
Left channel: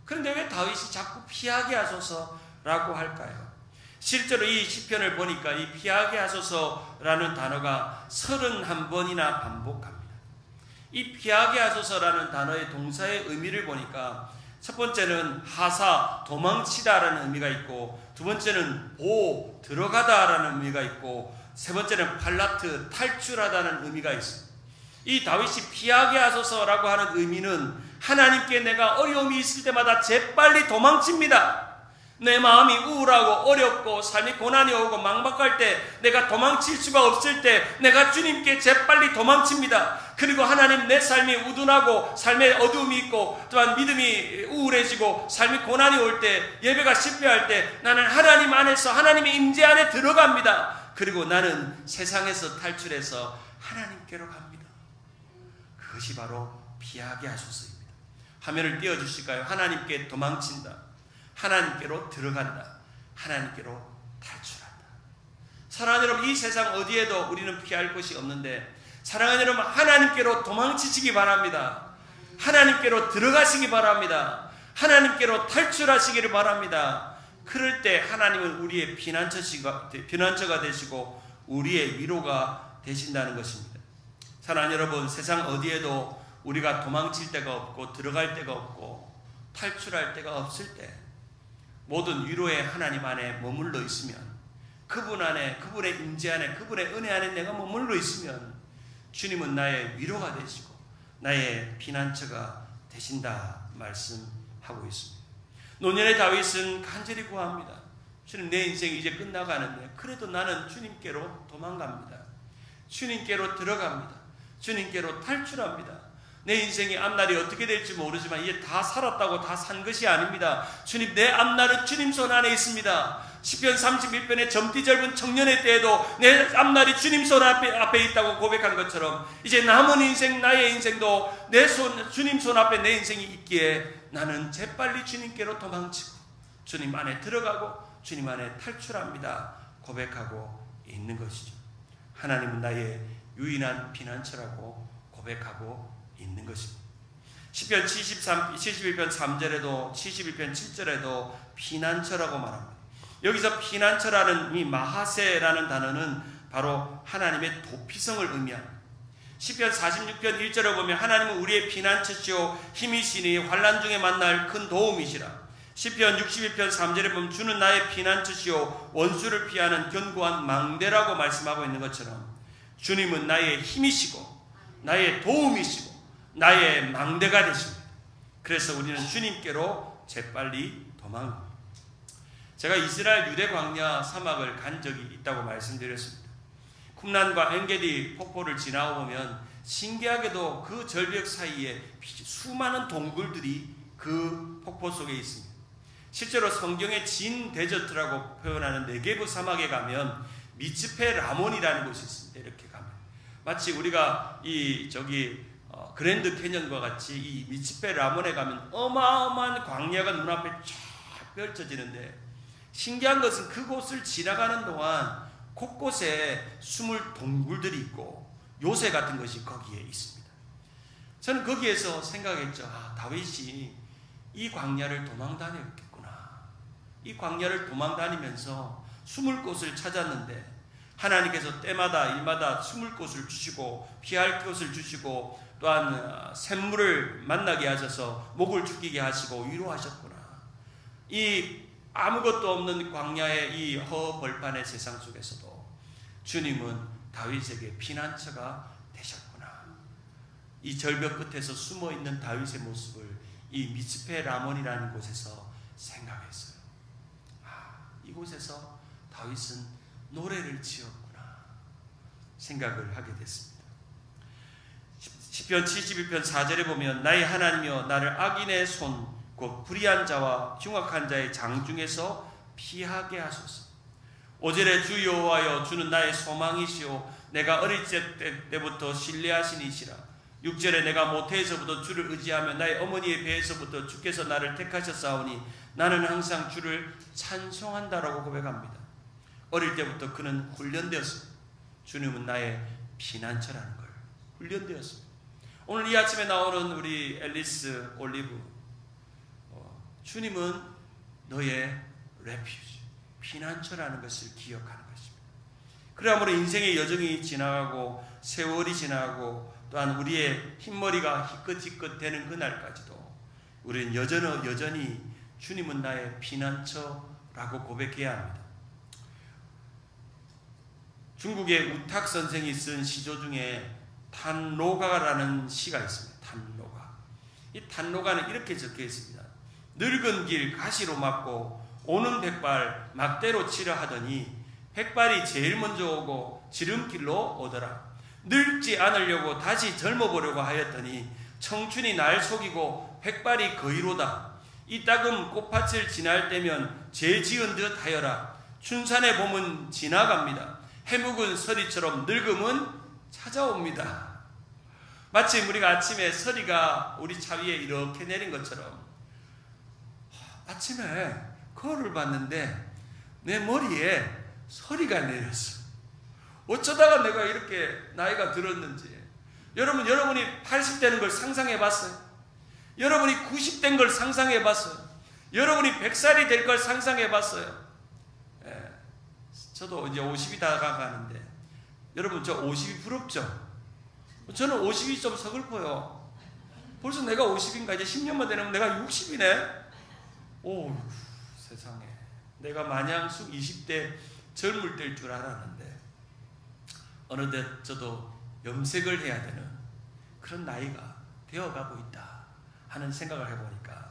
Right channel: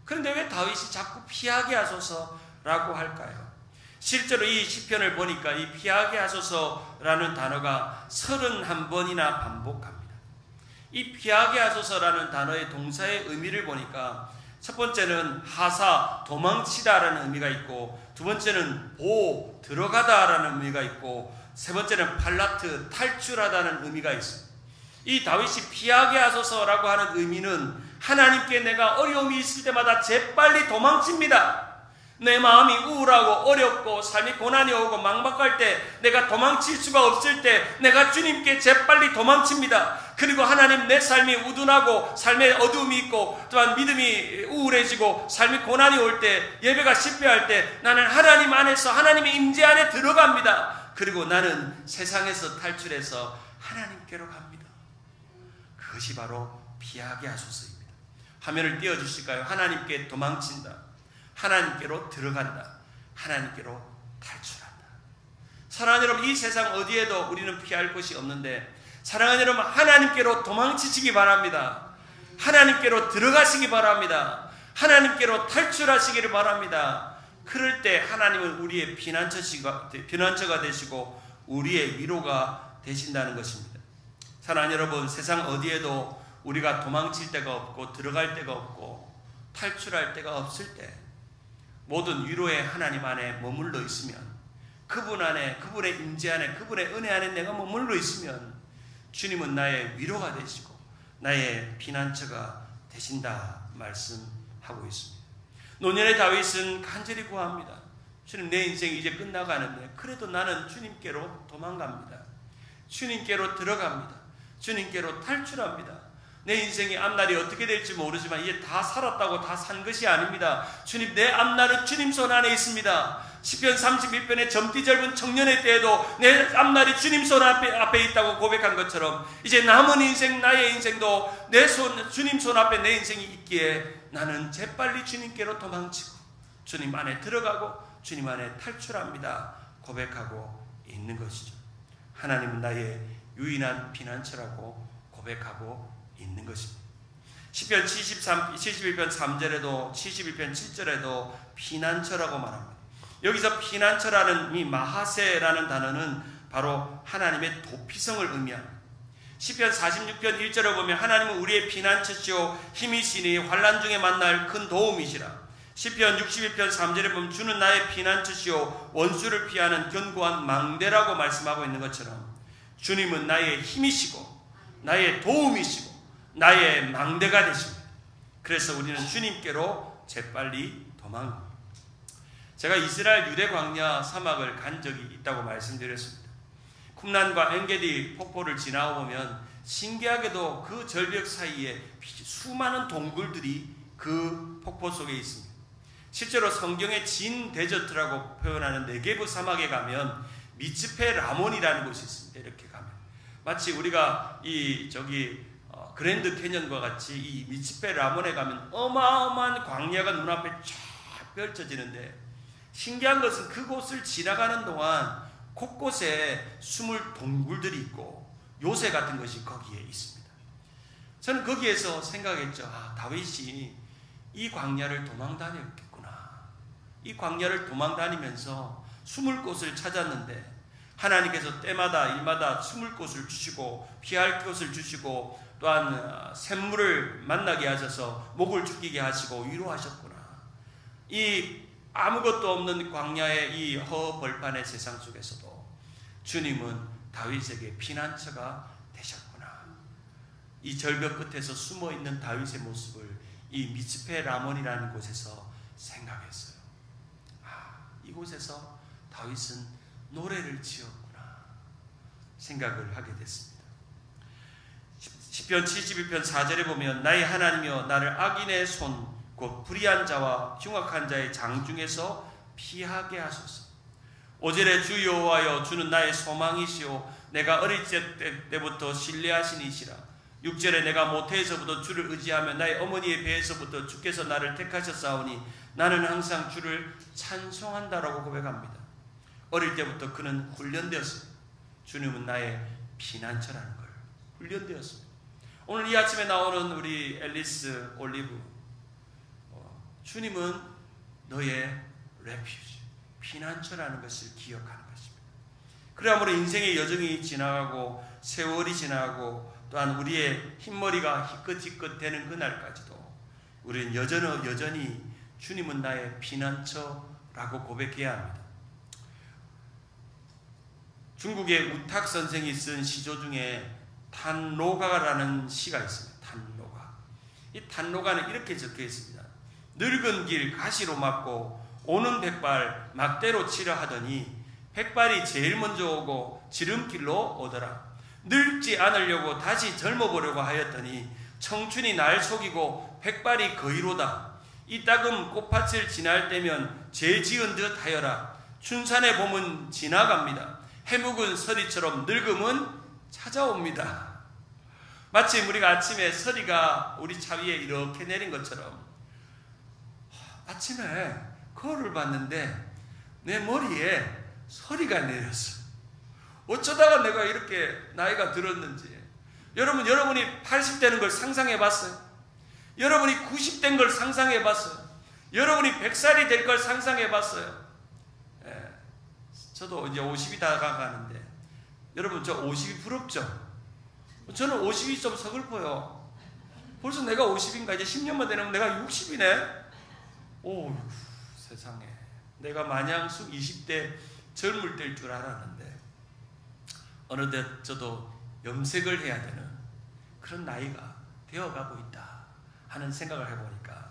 그런데 왜 다윗이 자꾸 피하게 하소서라고 할까요? 실제로 이 시편을 보니까 이 피하게 하소서라는 단어가 31번이나 반복합니다. 이 피하게 하소서라는 단어의 동사의 의미를 보니까 첫 번째는 하사, 도망치다라는 의미가 있고, 두 번째는 보, 들어가다라는 의미가 있고, 세 번째는 팔라트, 탈출하다는 의미가 있습니다. 이 다윗이 피하게 하소서라고 하는 의미는 하나님께 내가 어려움이 있을 때마다 재빨리 도망칩니다. 내 마음이 우울하고 어렵고 삶이 고난이 오고 막막할 때, 내가 도망칠 수가 없을 때 내가 주님께 재빨리 도망칩니다. 그리고 하나님, 내 삶이 우둔하고 삶에 어두움이 있고 또한 믿음이 우울해지고 삶이 고난이 올 때, 예배가 실패할 때 나는 하나님 안에서 하나님의 임재 안에 들어갑니다. 그리고 나는 세상에서 탈출해서 하나님께로 갑니다. 그것이 바로 피하게 하소서입니다. 화면을 띄워주실까요? 하나님께 도망친다, 하나님께로 들어간다, 하나님께로 탈출한다. 사랑하는 여러분, 이 세상 어디에도 우리는 피할 곳이 없는데, 사랑하는 여러분, 하나님께로 도망치시기 바랍니다. 하나님께로 들어가시기 바랍니다. 하나님께로 탈출하시기를 바랍니다. 그럴 때 하나님은 우리의 피난처가 되시고 우리의 위로가 되신다는 것입니다. 사랑하는 여러분, 세상 어디에도 우리가 도망칠 데가 없고 들어갈 데가 없고 탈출할 데가 없을 때 모든 위로의 하나님 안에 머물러 있으면, 그분 안에, 그분의 임재 안에, 그분의 은혜 안에 내가 머물러 있으면 주님은 나의 위로가 되시고 나의 피난처가 되신다 말씀하고 있습니다. 노년의 다윗은 간절히 구합니다. 주님, 내 인생이 이제 끝나가는데 그래도 나는 주님께로 도망갑니다. 주님께로 들어갑니다. 주님께로 탈출합니다. 내 인생의 앞날이 어떻게 될지 모르지만 이제 다 살았다고 다 산 것이 아닙니다. 주님, 내 앞날은 주님 손 안에 있습니다. 시편 31편의 젊디 젊은 청년의 때에도 내 앞날이 주님 손 앞에 있다고 고백한 것처럼 이제 남은 인생, 나의 인생도 내 손, 주님 손 앞에 내 인생이 있기에 나는 재빨리 주님께로 도망치고 주님 안에 들어가고 주님 안에 탈출합니다 고백하고 있는 것이죠. 하나님은 나의 유일한 피난처라고 고백하고 있는 것입니다. 시편 71편 3절에도 71편 7절에도 피난처라고 말합니다. 여기서 피난처라는 이 마하세라는 단어는 바로 하나님의 도피성을 의미합니다. 시편 46편 1절에 보면 하나님은 우리의 피난처시오 힘이시니 환난 중에 만날 큰 도움이시라. 시편 61편 3절에 보면 주는 나의 피난처시오 원수를 피하는 견고한 망대라고 말씀하고 있는 것처럼 주님은 나의 힘이시고 나의 도움이시고 나의 망대가 되십니다. 그래서 우리는 주님께로 재빨리 도망갑니다. 제가 이스라엘 유대 광야 사막을 간 적이 있다고 말씀드렸습니다. 쿰란과 엔게디 폭포를 지나보면 신기하게도 그 절벽 사이에 수많은 동굴들이 그 폭포 속에 있습니다. 실제로 성경의 진 데저트라고 표현하는 네게브 사막에 가면 미츠페 라몬이라는 곳이 있습니다. 이렇게 가면 마치 우리가 그랜드 캐년과 같이 이 미츠페 라몬에 가면 어마어마한 광야가 눈앞에 쫙 펼쳐지는데, 신기한 것은 그곳을 지나가는 동안 곳곳에 숨을 동굴들이 있고 요새 같은 것이 거기에 있습니다. 저는 거기에서 생각했죠. 다윗이 이 광야를 도망다녔겠구나. 이 광야를 도망다니면서 숨을 곳을 찾았는데 하나님께서 때마다 일마다 숨을 곳을 주시고 피할 곳을 주시고 또한 샘물을 만나게 하셔서 목을 죽이게 하시고 위로하셨구나. 이 아무것도 없는 광야의 이 허벌판의 세상 속에서도 주님은 다윗에게 피난처가 되셨구나. 이 절벽 끝에서 숨어있는 다윗의 모습을 이 미츠페 라몬이라는 곳에서 생각했어요. 이곳에서 다윗은 노래를 지었구나 생각을 하게 됐습니다. 시편 71편 4절에 보면 나의 하나님이여 나를 악인의 손 곧 불의한 자와 흉악한 자의 장중에서 피하게 하소서. 5절에 주 여호와여 주는 나의 소망이시오 내가 어릴 때부터 신뢰하신 이시라. 6절에 내가 모태에서부터 주를 의지하며 나의 어머니의 배에서부터 주께서 나를 택하셨사오니 나는 항상 주를 찬송한다라고 고백합니다. 어릴 때부터 그는 훈련되었습니다. 주님은 나의 피난처라는 걸 훈련되었습니다. 오늘 이 아침에 나오는 우리 앨리스 올리브, 주님은 너의 레퓨지, 피난처라는 것을 기억하는 것입니다. 그러므로 인생의 여정이 지나가고 세월이 지나고 또한 우리의 흰머리가 희끗희끗 되는 그날까지도 우리는 여전히 주님은 나의 피난처라고 고백해야 합니다. 중국의 우탁 선생이 쓴 시조 중에 탄로가라는 시가 있습니다. 탄로가. 이 탄로가는 이렇게 적혀 있습니다. 늙은 길 가시로 막고 오는 백발 막대로 치려 하더니 백발이 제일 먼저 오고 지름길로 오더라. 늙지 않으려고 다시 젊어보려고 하였더니 청춘이 날 속이고 백발이 거의로다. 이따금 꽃밭을 지날 때면 죄 지은 듯 하여라. 춘산의 봄은 지나갑니다. 해묵은 서리처럼 늙음은 찾아옵니다. 마치 우리가 아침에 서리가 우리 차 위에 이렇게 내린 것처럼 아침에 거울을 봤는데 내 머리에 서리가 내렸어. 어쩌다가 내가 이렇게 나이가 들었는지. 여러분이 80 되는 걸 상상해 봤어요? 여러분이 90 된 걸 상상해 봤어요? 여러분이 100살이 될 걸 상상해 봤어요? 저도 이제 50이 다가가는데 여러분 저 50이 부럽죠? 저는 50이 좀 서글퍼요. 벌써 내가 50인가? 이제 10년만 되면 내가 60이네? 오, 세상에. 내가 마냥 20대 젊을 때일 줄 알았는데 어느덧 저도 염색을 해야 되는 그런 나이가 되어가고 있다 하는 생각을 해보니까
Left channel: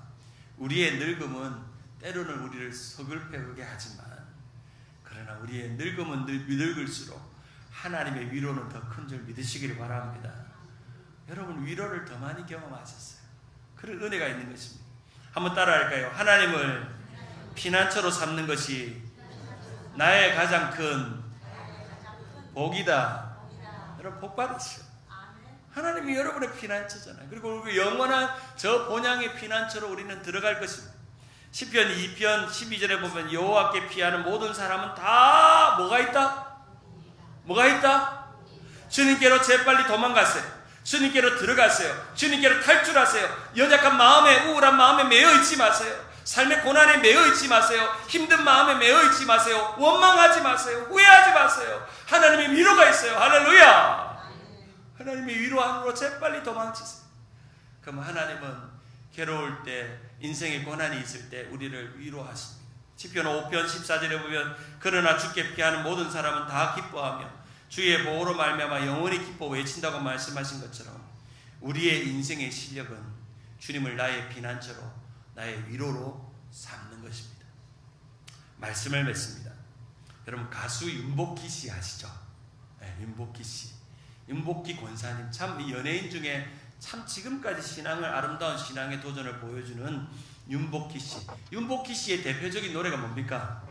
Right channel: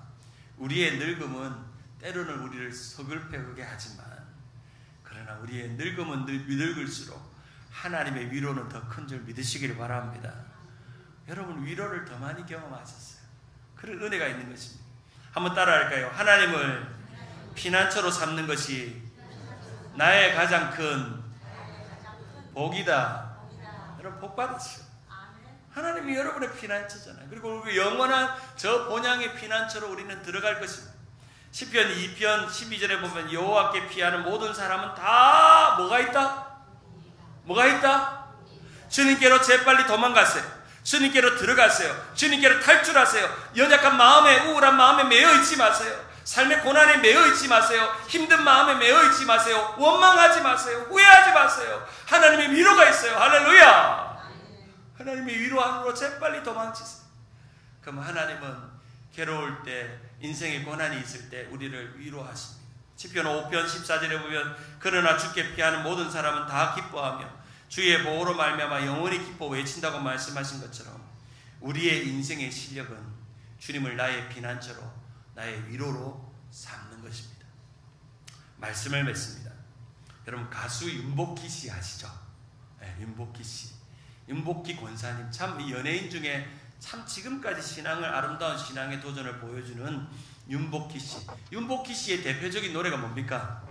우리의 늙음은 때로는 우리를 서글프게 하지만 그러나 우리의 늙음은 늙을수록 하나님의 위로는 더 큰 줄 믿으시기를 바랍니다. 여러분 위로를 더 많이 경험하셨어요. 그런 은혜가 있는 것입니다. 한번 따라할까요? 하나님을 피난처로 삼는 것이 나의 가장 큰 복이다. 여러분 복 받았어요. 하나님이 여러분의 피난처잖아요. 그리고 우리 영원한 저 본향의 피난처로 우리는 들어갈 것입니다. 시편 2편 12절에 보면 여호와께 피하는 모든 사람은 다 뭐가 있다? 뭐가 있다? 주님께로 재빨리 도망갔어요. 주님께로 들어가세요. 주님께로 탈출하세요. 연약한 마음에, 우울한 마음에 매여 있지 마세요. 삶의 고난에 매여 있지 마세요. 힘든 마음에 매여 있지 마세요. 원망하지 마세요. 후회하지 마세요. 하나님의 위로가 있어요. 할렐루야. 하나님의 위로함으로 재빨리 도망치세요. 그럼 하나님은 괴로울 때, 인생의 고난이 있을 때 우리를 위로하십니다. 시편 5편 14절에 보면 그러나 주께 피하는 모든 사람은 다 기뻐하며 주의 보호로 말미암아 영원히 기뻐 외친다고 말씀하신 것처럼 우리의 인생의 실력은 주님을 나의 피난처로 나의 위로로 삼는 것입니다. 말씀을 맺습니다. 여러분 가수 윤복희 씨 아시죠? 네, 윤복희 씨. 윤복희 권사님 참 연예인 중에 참 지금까지 신앙을 아름다운 신앙의 도전을 보여주는 윤복희 씨. 윤복희 씨의 대표적인 노래가 뭡니까?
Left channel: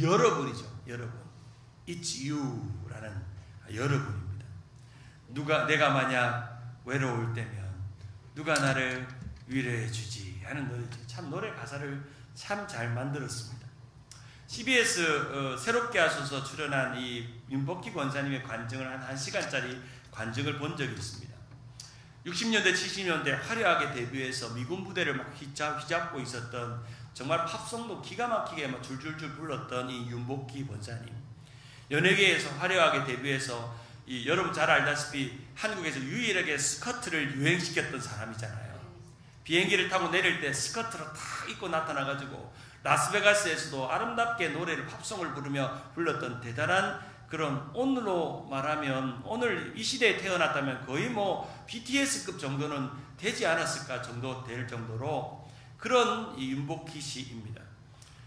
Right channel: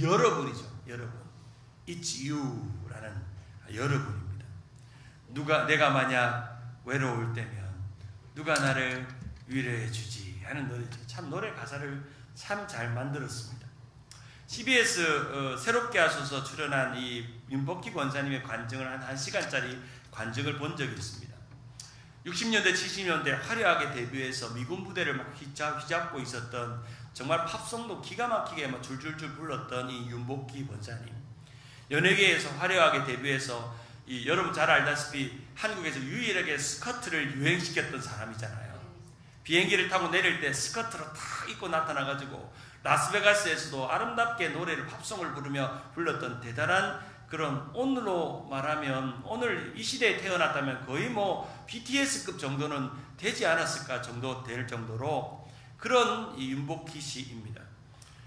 여러분이죠. 여러분. It's you라는 여러분입니다. 내가 만약 외로울 때면 누가 나를 위로해 주지 하는 노래죠. 참 노래 가사를 참 잘 만들었습니다. CBS 새롭게 하셔서 출연한 이 윤복희 권사님의 관증을 한 1시간짜리 관증을 본 적이 있습니다. 60년대 70년대 화려하게 데뷔해서 미군 부대를 막 휘잡고 있었던 정말 팝송도 기가 막히게 막 줄줄줄 불렀던 이 윤복희 권사님. 연예계에서 화려하게 데뷔해서 여러분 잘 알다시피 한국에서 유일하게 스커트를 유행시켰던 사람이잖아요. 비행기를 타고 내릴 때 스커트로 탁 입고 나타나가지고 라스베가스에서도 아름답게 노래를 팝송을 부르며 불렀던 대단한 그런 오늘로 말하면 오늘 이 시대에 태어났다면 거의 뭐 BTS급 정도는 되지 않았을까 정도 될 정도로 그런 이 윤복희 씨입니다.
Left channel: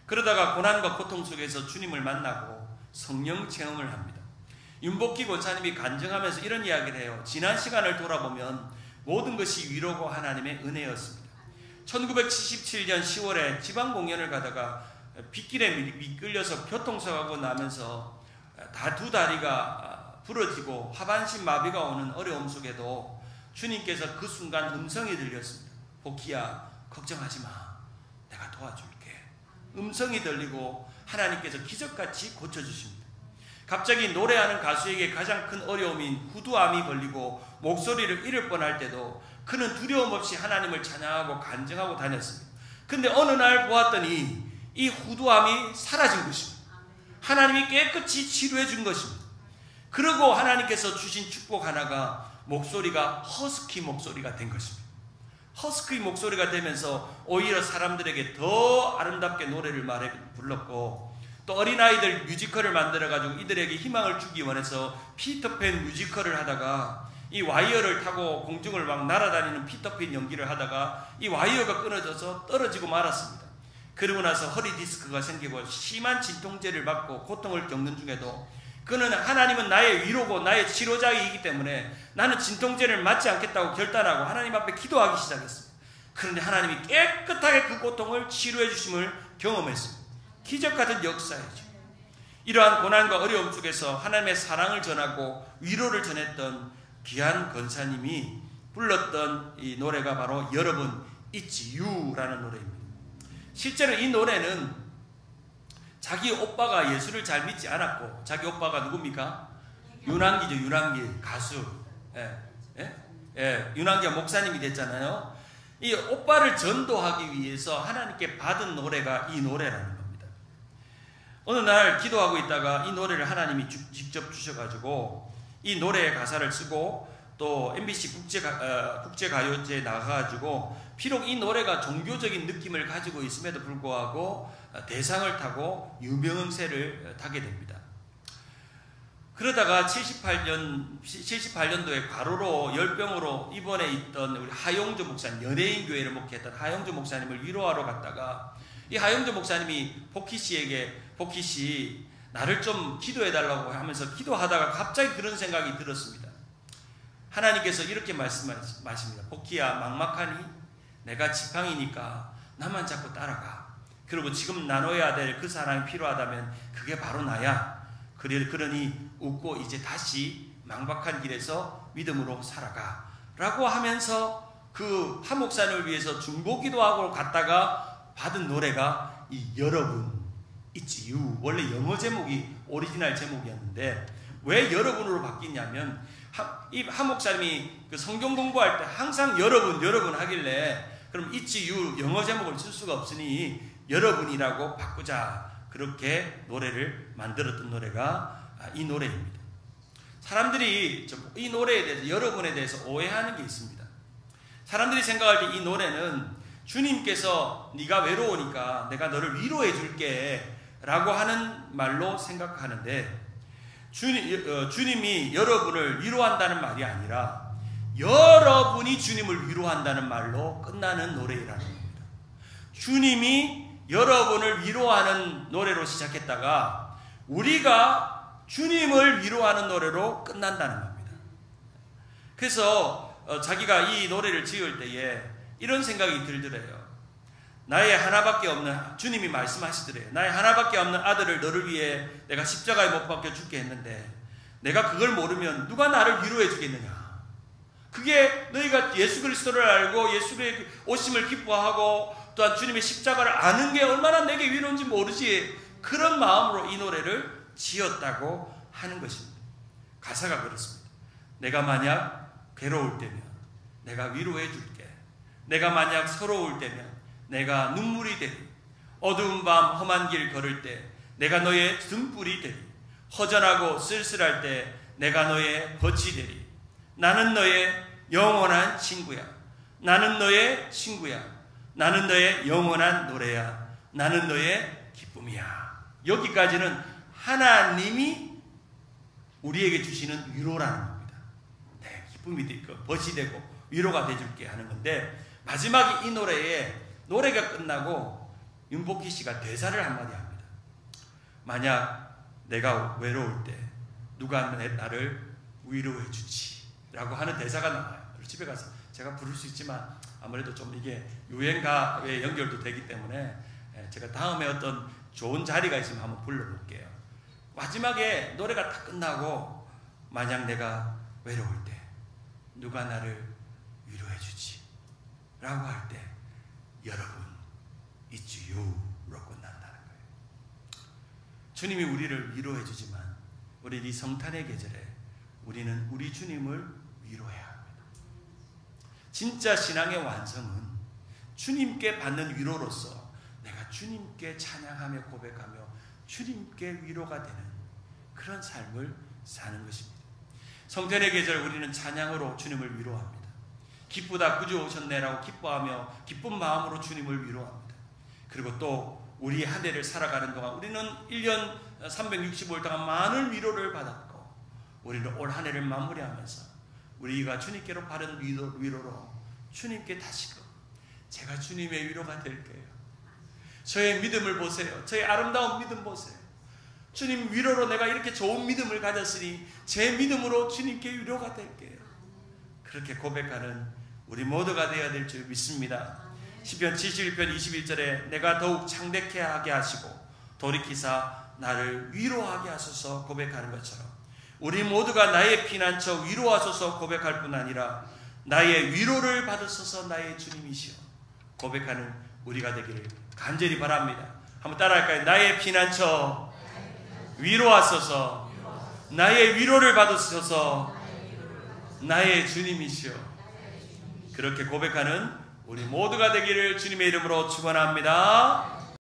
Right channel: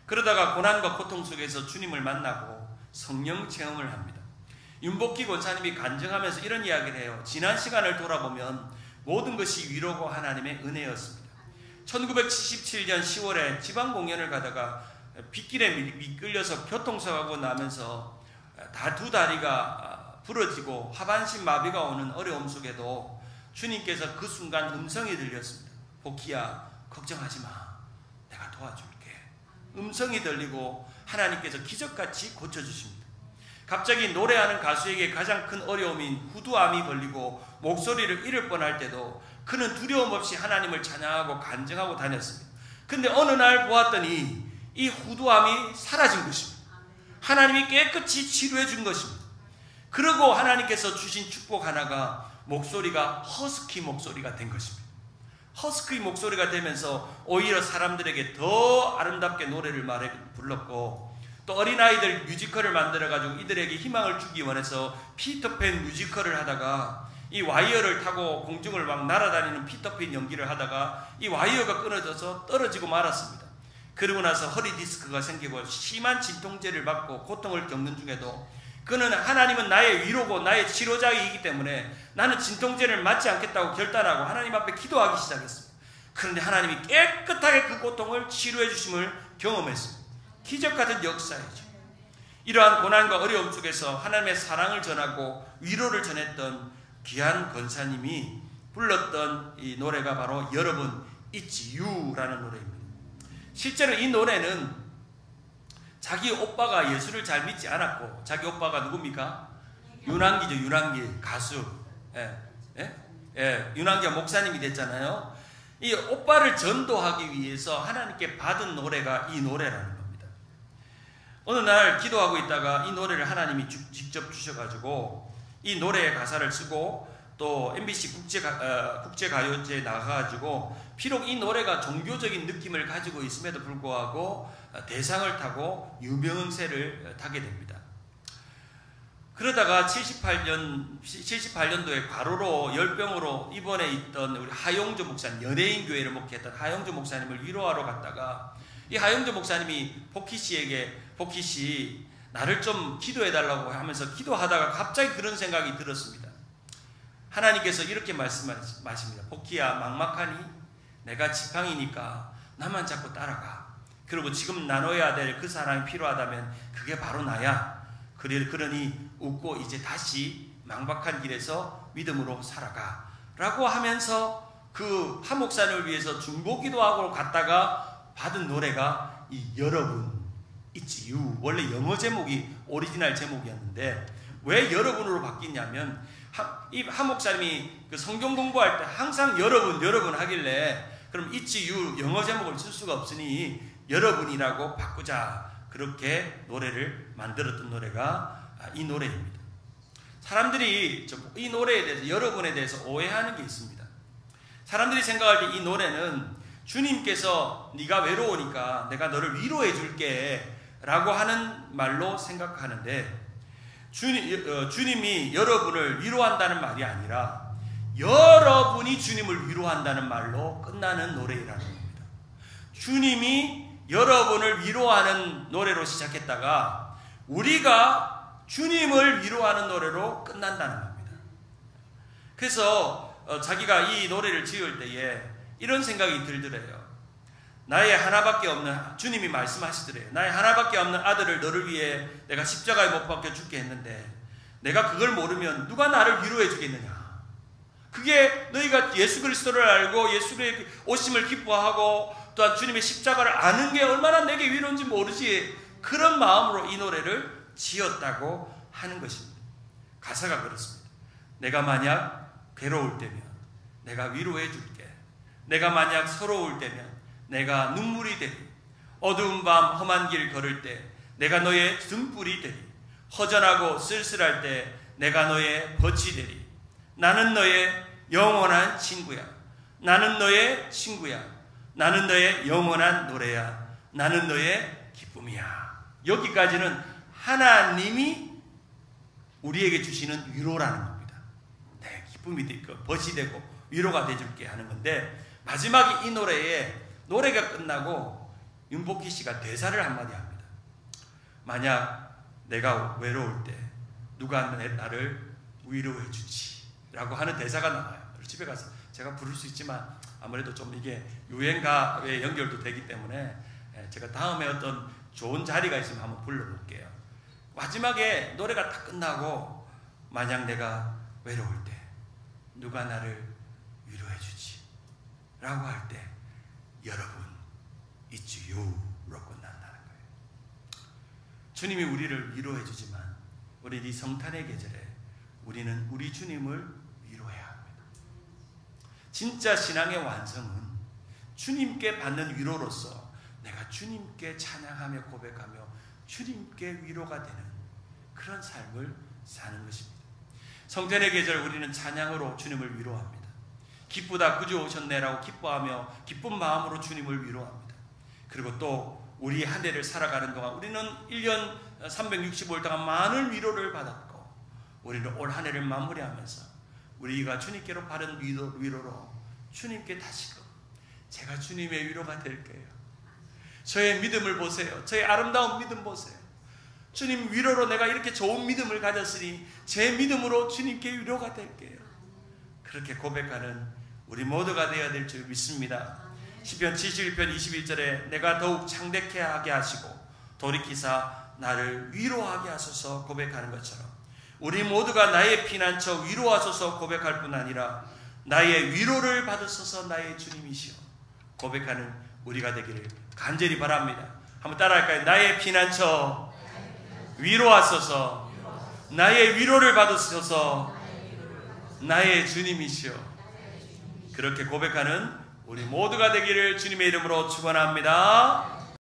그러다가 고난과 고통 속에서 주님을 만나고 성령 체험을 합니다. 윤복희 권사님이 간증하면서 이런 이야기를 해요. 지난 시간을 돌아보면 모든 것이 위로고 하나님의 은혜였습니다. 1977년 10월에 지방 공연을 가다가 빗길에 미끌려서 교통사고가 나면서 다 두 다리가 부러지고 하반신 마비가 오는 어려움 속에도 주님께서 그 순간 음성이 들렸습니다. 복희야 걱정하지 마. 내가 도와줄게. 음성이 들리고 하나님께서 기적같이 고쳐주십니다. 갑자기 노래하는 가수에게 가장 큰 어려움인 후두암이 걸리고 목소리를 잃을 뻔할 때도 그는 두려움 없이 하나님을 찬양하고 간증하고 다녔습니다. 근데 어느 날 보았더니 이 후두암이 사라진 것입니다. 하나님이 깨끗이 치료해 준 것입니다. 그리고 하나님께서 주신 축복 하나가 목소리가 허스키 목소리가 된 것입니다. 허스키 목소리가 되면서 오히려 사람들에게 더 아름답게 노래를 불렀고, 또 어린아이들 뮤지컬을 만들어가지고 이들에게 희망을 주기 원해서 피터팬 뮤지컬을 하다가 이 와이어를 타고 공중을 막 날아다니는 피터팬 연기를 하다가 이 와이어가 끊어져서 떨어지고 말았습니다. 그러고 나서 허리 디스크가 생기고 심한 진통제를 받고 고통을 겪는 중에도 그는 하나님은 나의 위로고 나의 치료자이기 때문에 나는 진통제를 맞지 않겠다고 결단하고 하나님 앞에 기도하기 시작했습니다. 그런데 하나님이 깨끗하게 그 고통을 치료해 주심을 경험했습니다. 기적 같은 역사이죠. 이러한 고난과 어려움 속에서 하나님의 사랑을 전하고 위로를 전했던 귀한 권사님이 불렀던 이 노래가 바로 여러분 It's You라는 노래입니다. 실제로 이 노래는 자기 오빠가 예수를 잘 믿지 않았고, 자기 오빠가 누굽니까? 윤환기죠. 윤환기 가수. 윤환기가 목사님이 됐잖아요. 이 오빠를 전도하기 위해서 하나님께 받은 노래가 이 노래라는 겁니다. 어느 날 기도하고 있다가 이 노래를 하나님이 직접 주셔가지고 이 노래의 가사를 쓰고 또 MBC 국제가요제에 나가가지고 비록 이 노래가 종교적인 느낌을 가지고 있음에도 불구하고 대상을 타고 유명세를 타게 됩니다. 그러다가 78년도에 과로로 열병으로 입원해 있던 우리 하용조 목사님, 연예인 교회를 목회했던 하용조 목사님을 위로하러 갔다가 이 하용조 목사님이 복희 씨 나를 좀 기도해달라고 하면서 기도하다가 갑자기 그런 생각이 들었습니다. 하나님께서 이렇게 말씀하십니다. 복희야, 막막하니? 내가 지팡이니까 나만 잡고 따라가. 그리고 지금 나눠야 될 그 사람이 필요하다면 그게 바로 나야. 그러니 웃고 이제 다시 망박한 길에서 믿음으로 살아가 라고 하면서 그 한 목사님을 위해서 중보기도하고 갔다가 받은 노래가 이 여러분 It's You. 원래 영어 제목이 오리지널 제목이었는데 왜 여러분으로 바뀌냐면 이 한 목사님이 그 성경 공부할 때 항상 여러분 하길래 그럼 It's You 영어 제목을 쓸 수가 없으니 여러분이라고 바꾸자. 그렇게 노래를 만들었던 노래가 이 노래입니다. 사람들이 이 노래에 대해서 여러분에 대해서 오해하는 게 있습니다. 사람들이 생각할 때 이 노래는 주님께서 네가 외로우니까 내가 너를 위로해 줄게 라고 하는 말로 생각하는데 주님이 여러분을 위로한다는 말이 아니라 여러분이 주님을 위로한다는 말로 끝나는 노래라는 겁니다. 주님이 여러분을 위로하는 노래로 시작했다가 우리가 주님을 위로하는 노래로 끝난다는 겁니다. 그래서 자기가 이 노래를 지을 때에 이런 생각이 들더래요. 나의 하나밖에 없는, 주님이 말씀하시더래요. 나의 하나밖에 없는 아들을 너를 위해 내가 십자가에 못 박혀 죽게 했는데 내가 그걸 모르면 누가 나를 위로해 주겠느냐. 그게 너희가 예수 그리스도를 알고 예수의 오심을 기뻐하고 또한 주님의 십자가를 아는 게 얼마나 내게 위로인지 모르지. 그런 마음으로 이 노래를 지었다고 하는 것입니다. 가사가 그렇습니다. 내가 만약 괴로울 때면 내가 위로해 줄게. 내가 만약 서러울 때면 내가 눈물이 되리. 어두운 밤 험한 길 걸을 때 내가 너의 등불이 되리. 허전하고 쓸쓸할 때 내가 너의 벗이 되리. 나는 너의 영원한 친구야. 나는 너의 친구야. 나는 너의 영원한 노래야. 나는 너의 기쁨이야. 여기까지는 하나님이 우리에게 주시는 위로라는 겁니다. 네, 기쁨이 되고 벗이 되고 위로가 돼줄게 하는 건데 마지막에 이 노래가 끝나고 윤복희 씨가 대사를 한마디 합니다. 만약 내가 외로울 때 누가 나를 위로해 주지 라고 하는 대사가 나와요. 집에 가서 제가 부를 수 있지만 아무래도 좀 이게 유행가에 연결도 되기 때문에 제가 다음에 어떤 좋은 자리가 있으면 한번 불러볼게요. 마지막에 노래가 다 끝나고 만약 내가 외로울 때 누가 나를 위로해 주지 라고 할 때 여러분 It's You로 끝난다. 주님이 우리를 위로해 주지만 우리 이 성탄의 계절에 우리는 우리 주님을 위로해야 합니다. 진짜 신앙의 완성은 주님께 받는 위로로서 내가 주님께 찬양하며 고백하며 주님께 위로가 되는 그런 삶을 사는 것입니다. 성탄의 계절 우리는 찬양으로 주님을 위로합니다. 기쁘다 구주 오셨네라고 기뻐하며 기쁜 마음으로 주님을 위로합니다. 그리고 또 우리 한 해를 살아가는 동안 우리는 1년 365일 동안 많은 위로를 받았고 우리는 올 한 해를 마무리하면서 우리가 주님께로 받은 위로로 주님께 다시금 제가 주님의 위로가 될게요. 저의 믿음을 보세요. 저의 아름다운 믿음 보세요. 주님 위로로 내가 이렇게 좋은 믿음을 가졌으니 제 믿음으로 주님께 위로가 될게요. 그렇게 고백하는 우리 모두가 되어야 될 줄 믿습니다. 시편 71편 21절에 내가 더욱 창대케 하게 하시고 돌이키사 나를 위로하게 하소서 고백하는 것처럼 우리 모두가 나의 피난처 위로하소서 고백할 뿐 아니라 나의 위로를 받으소서 나의 주님이시오 고백하는 우리가 되기를 간절히 바랍니다. 한번 따라할까요? 나의 피난처 위로하소서 나의 위로를 받으소서 나의 주님이시오. 그렇게 고백하는 우리 모두가 되기를 주님의 이름으로 축원합니다.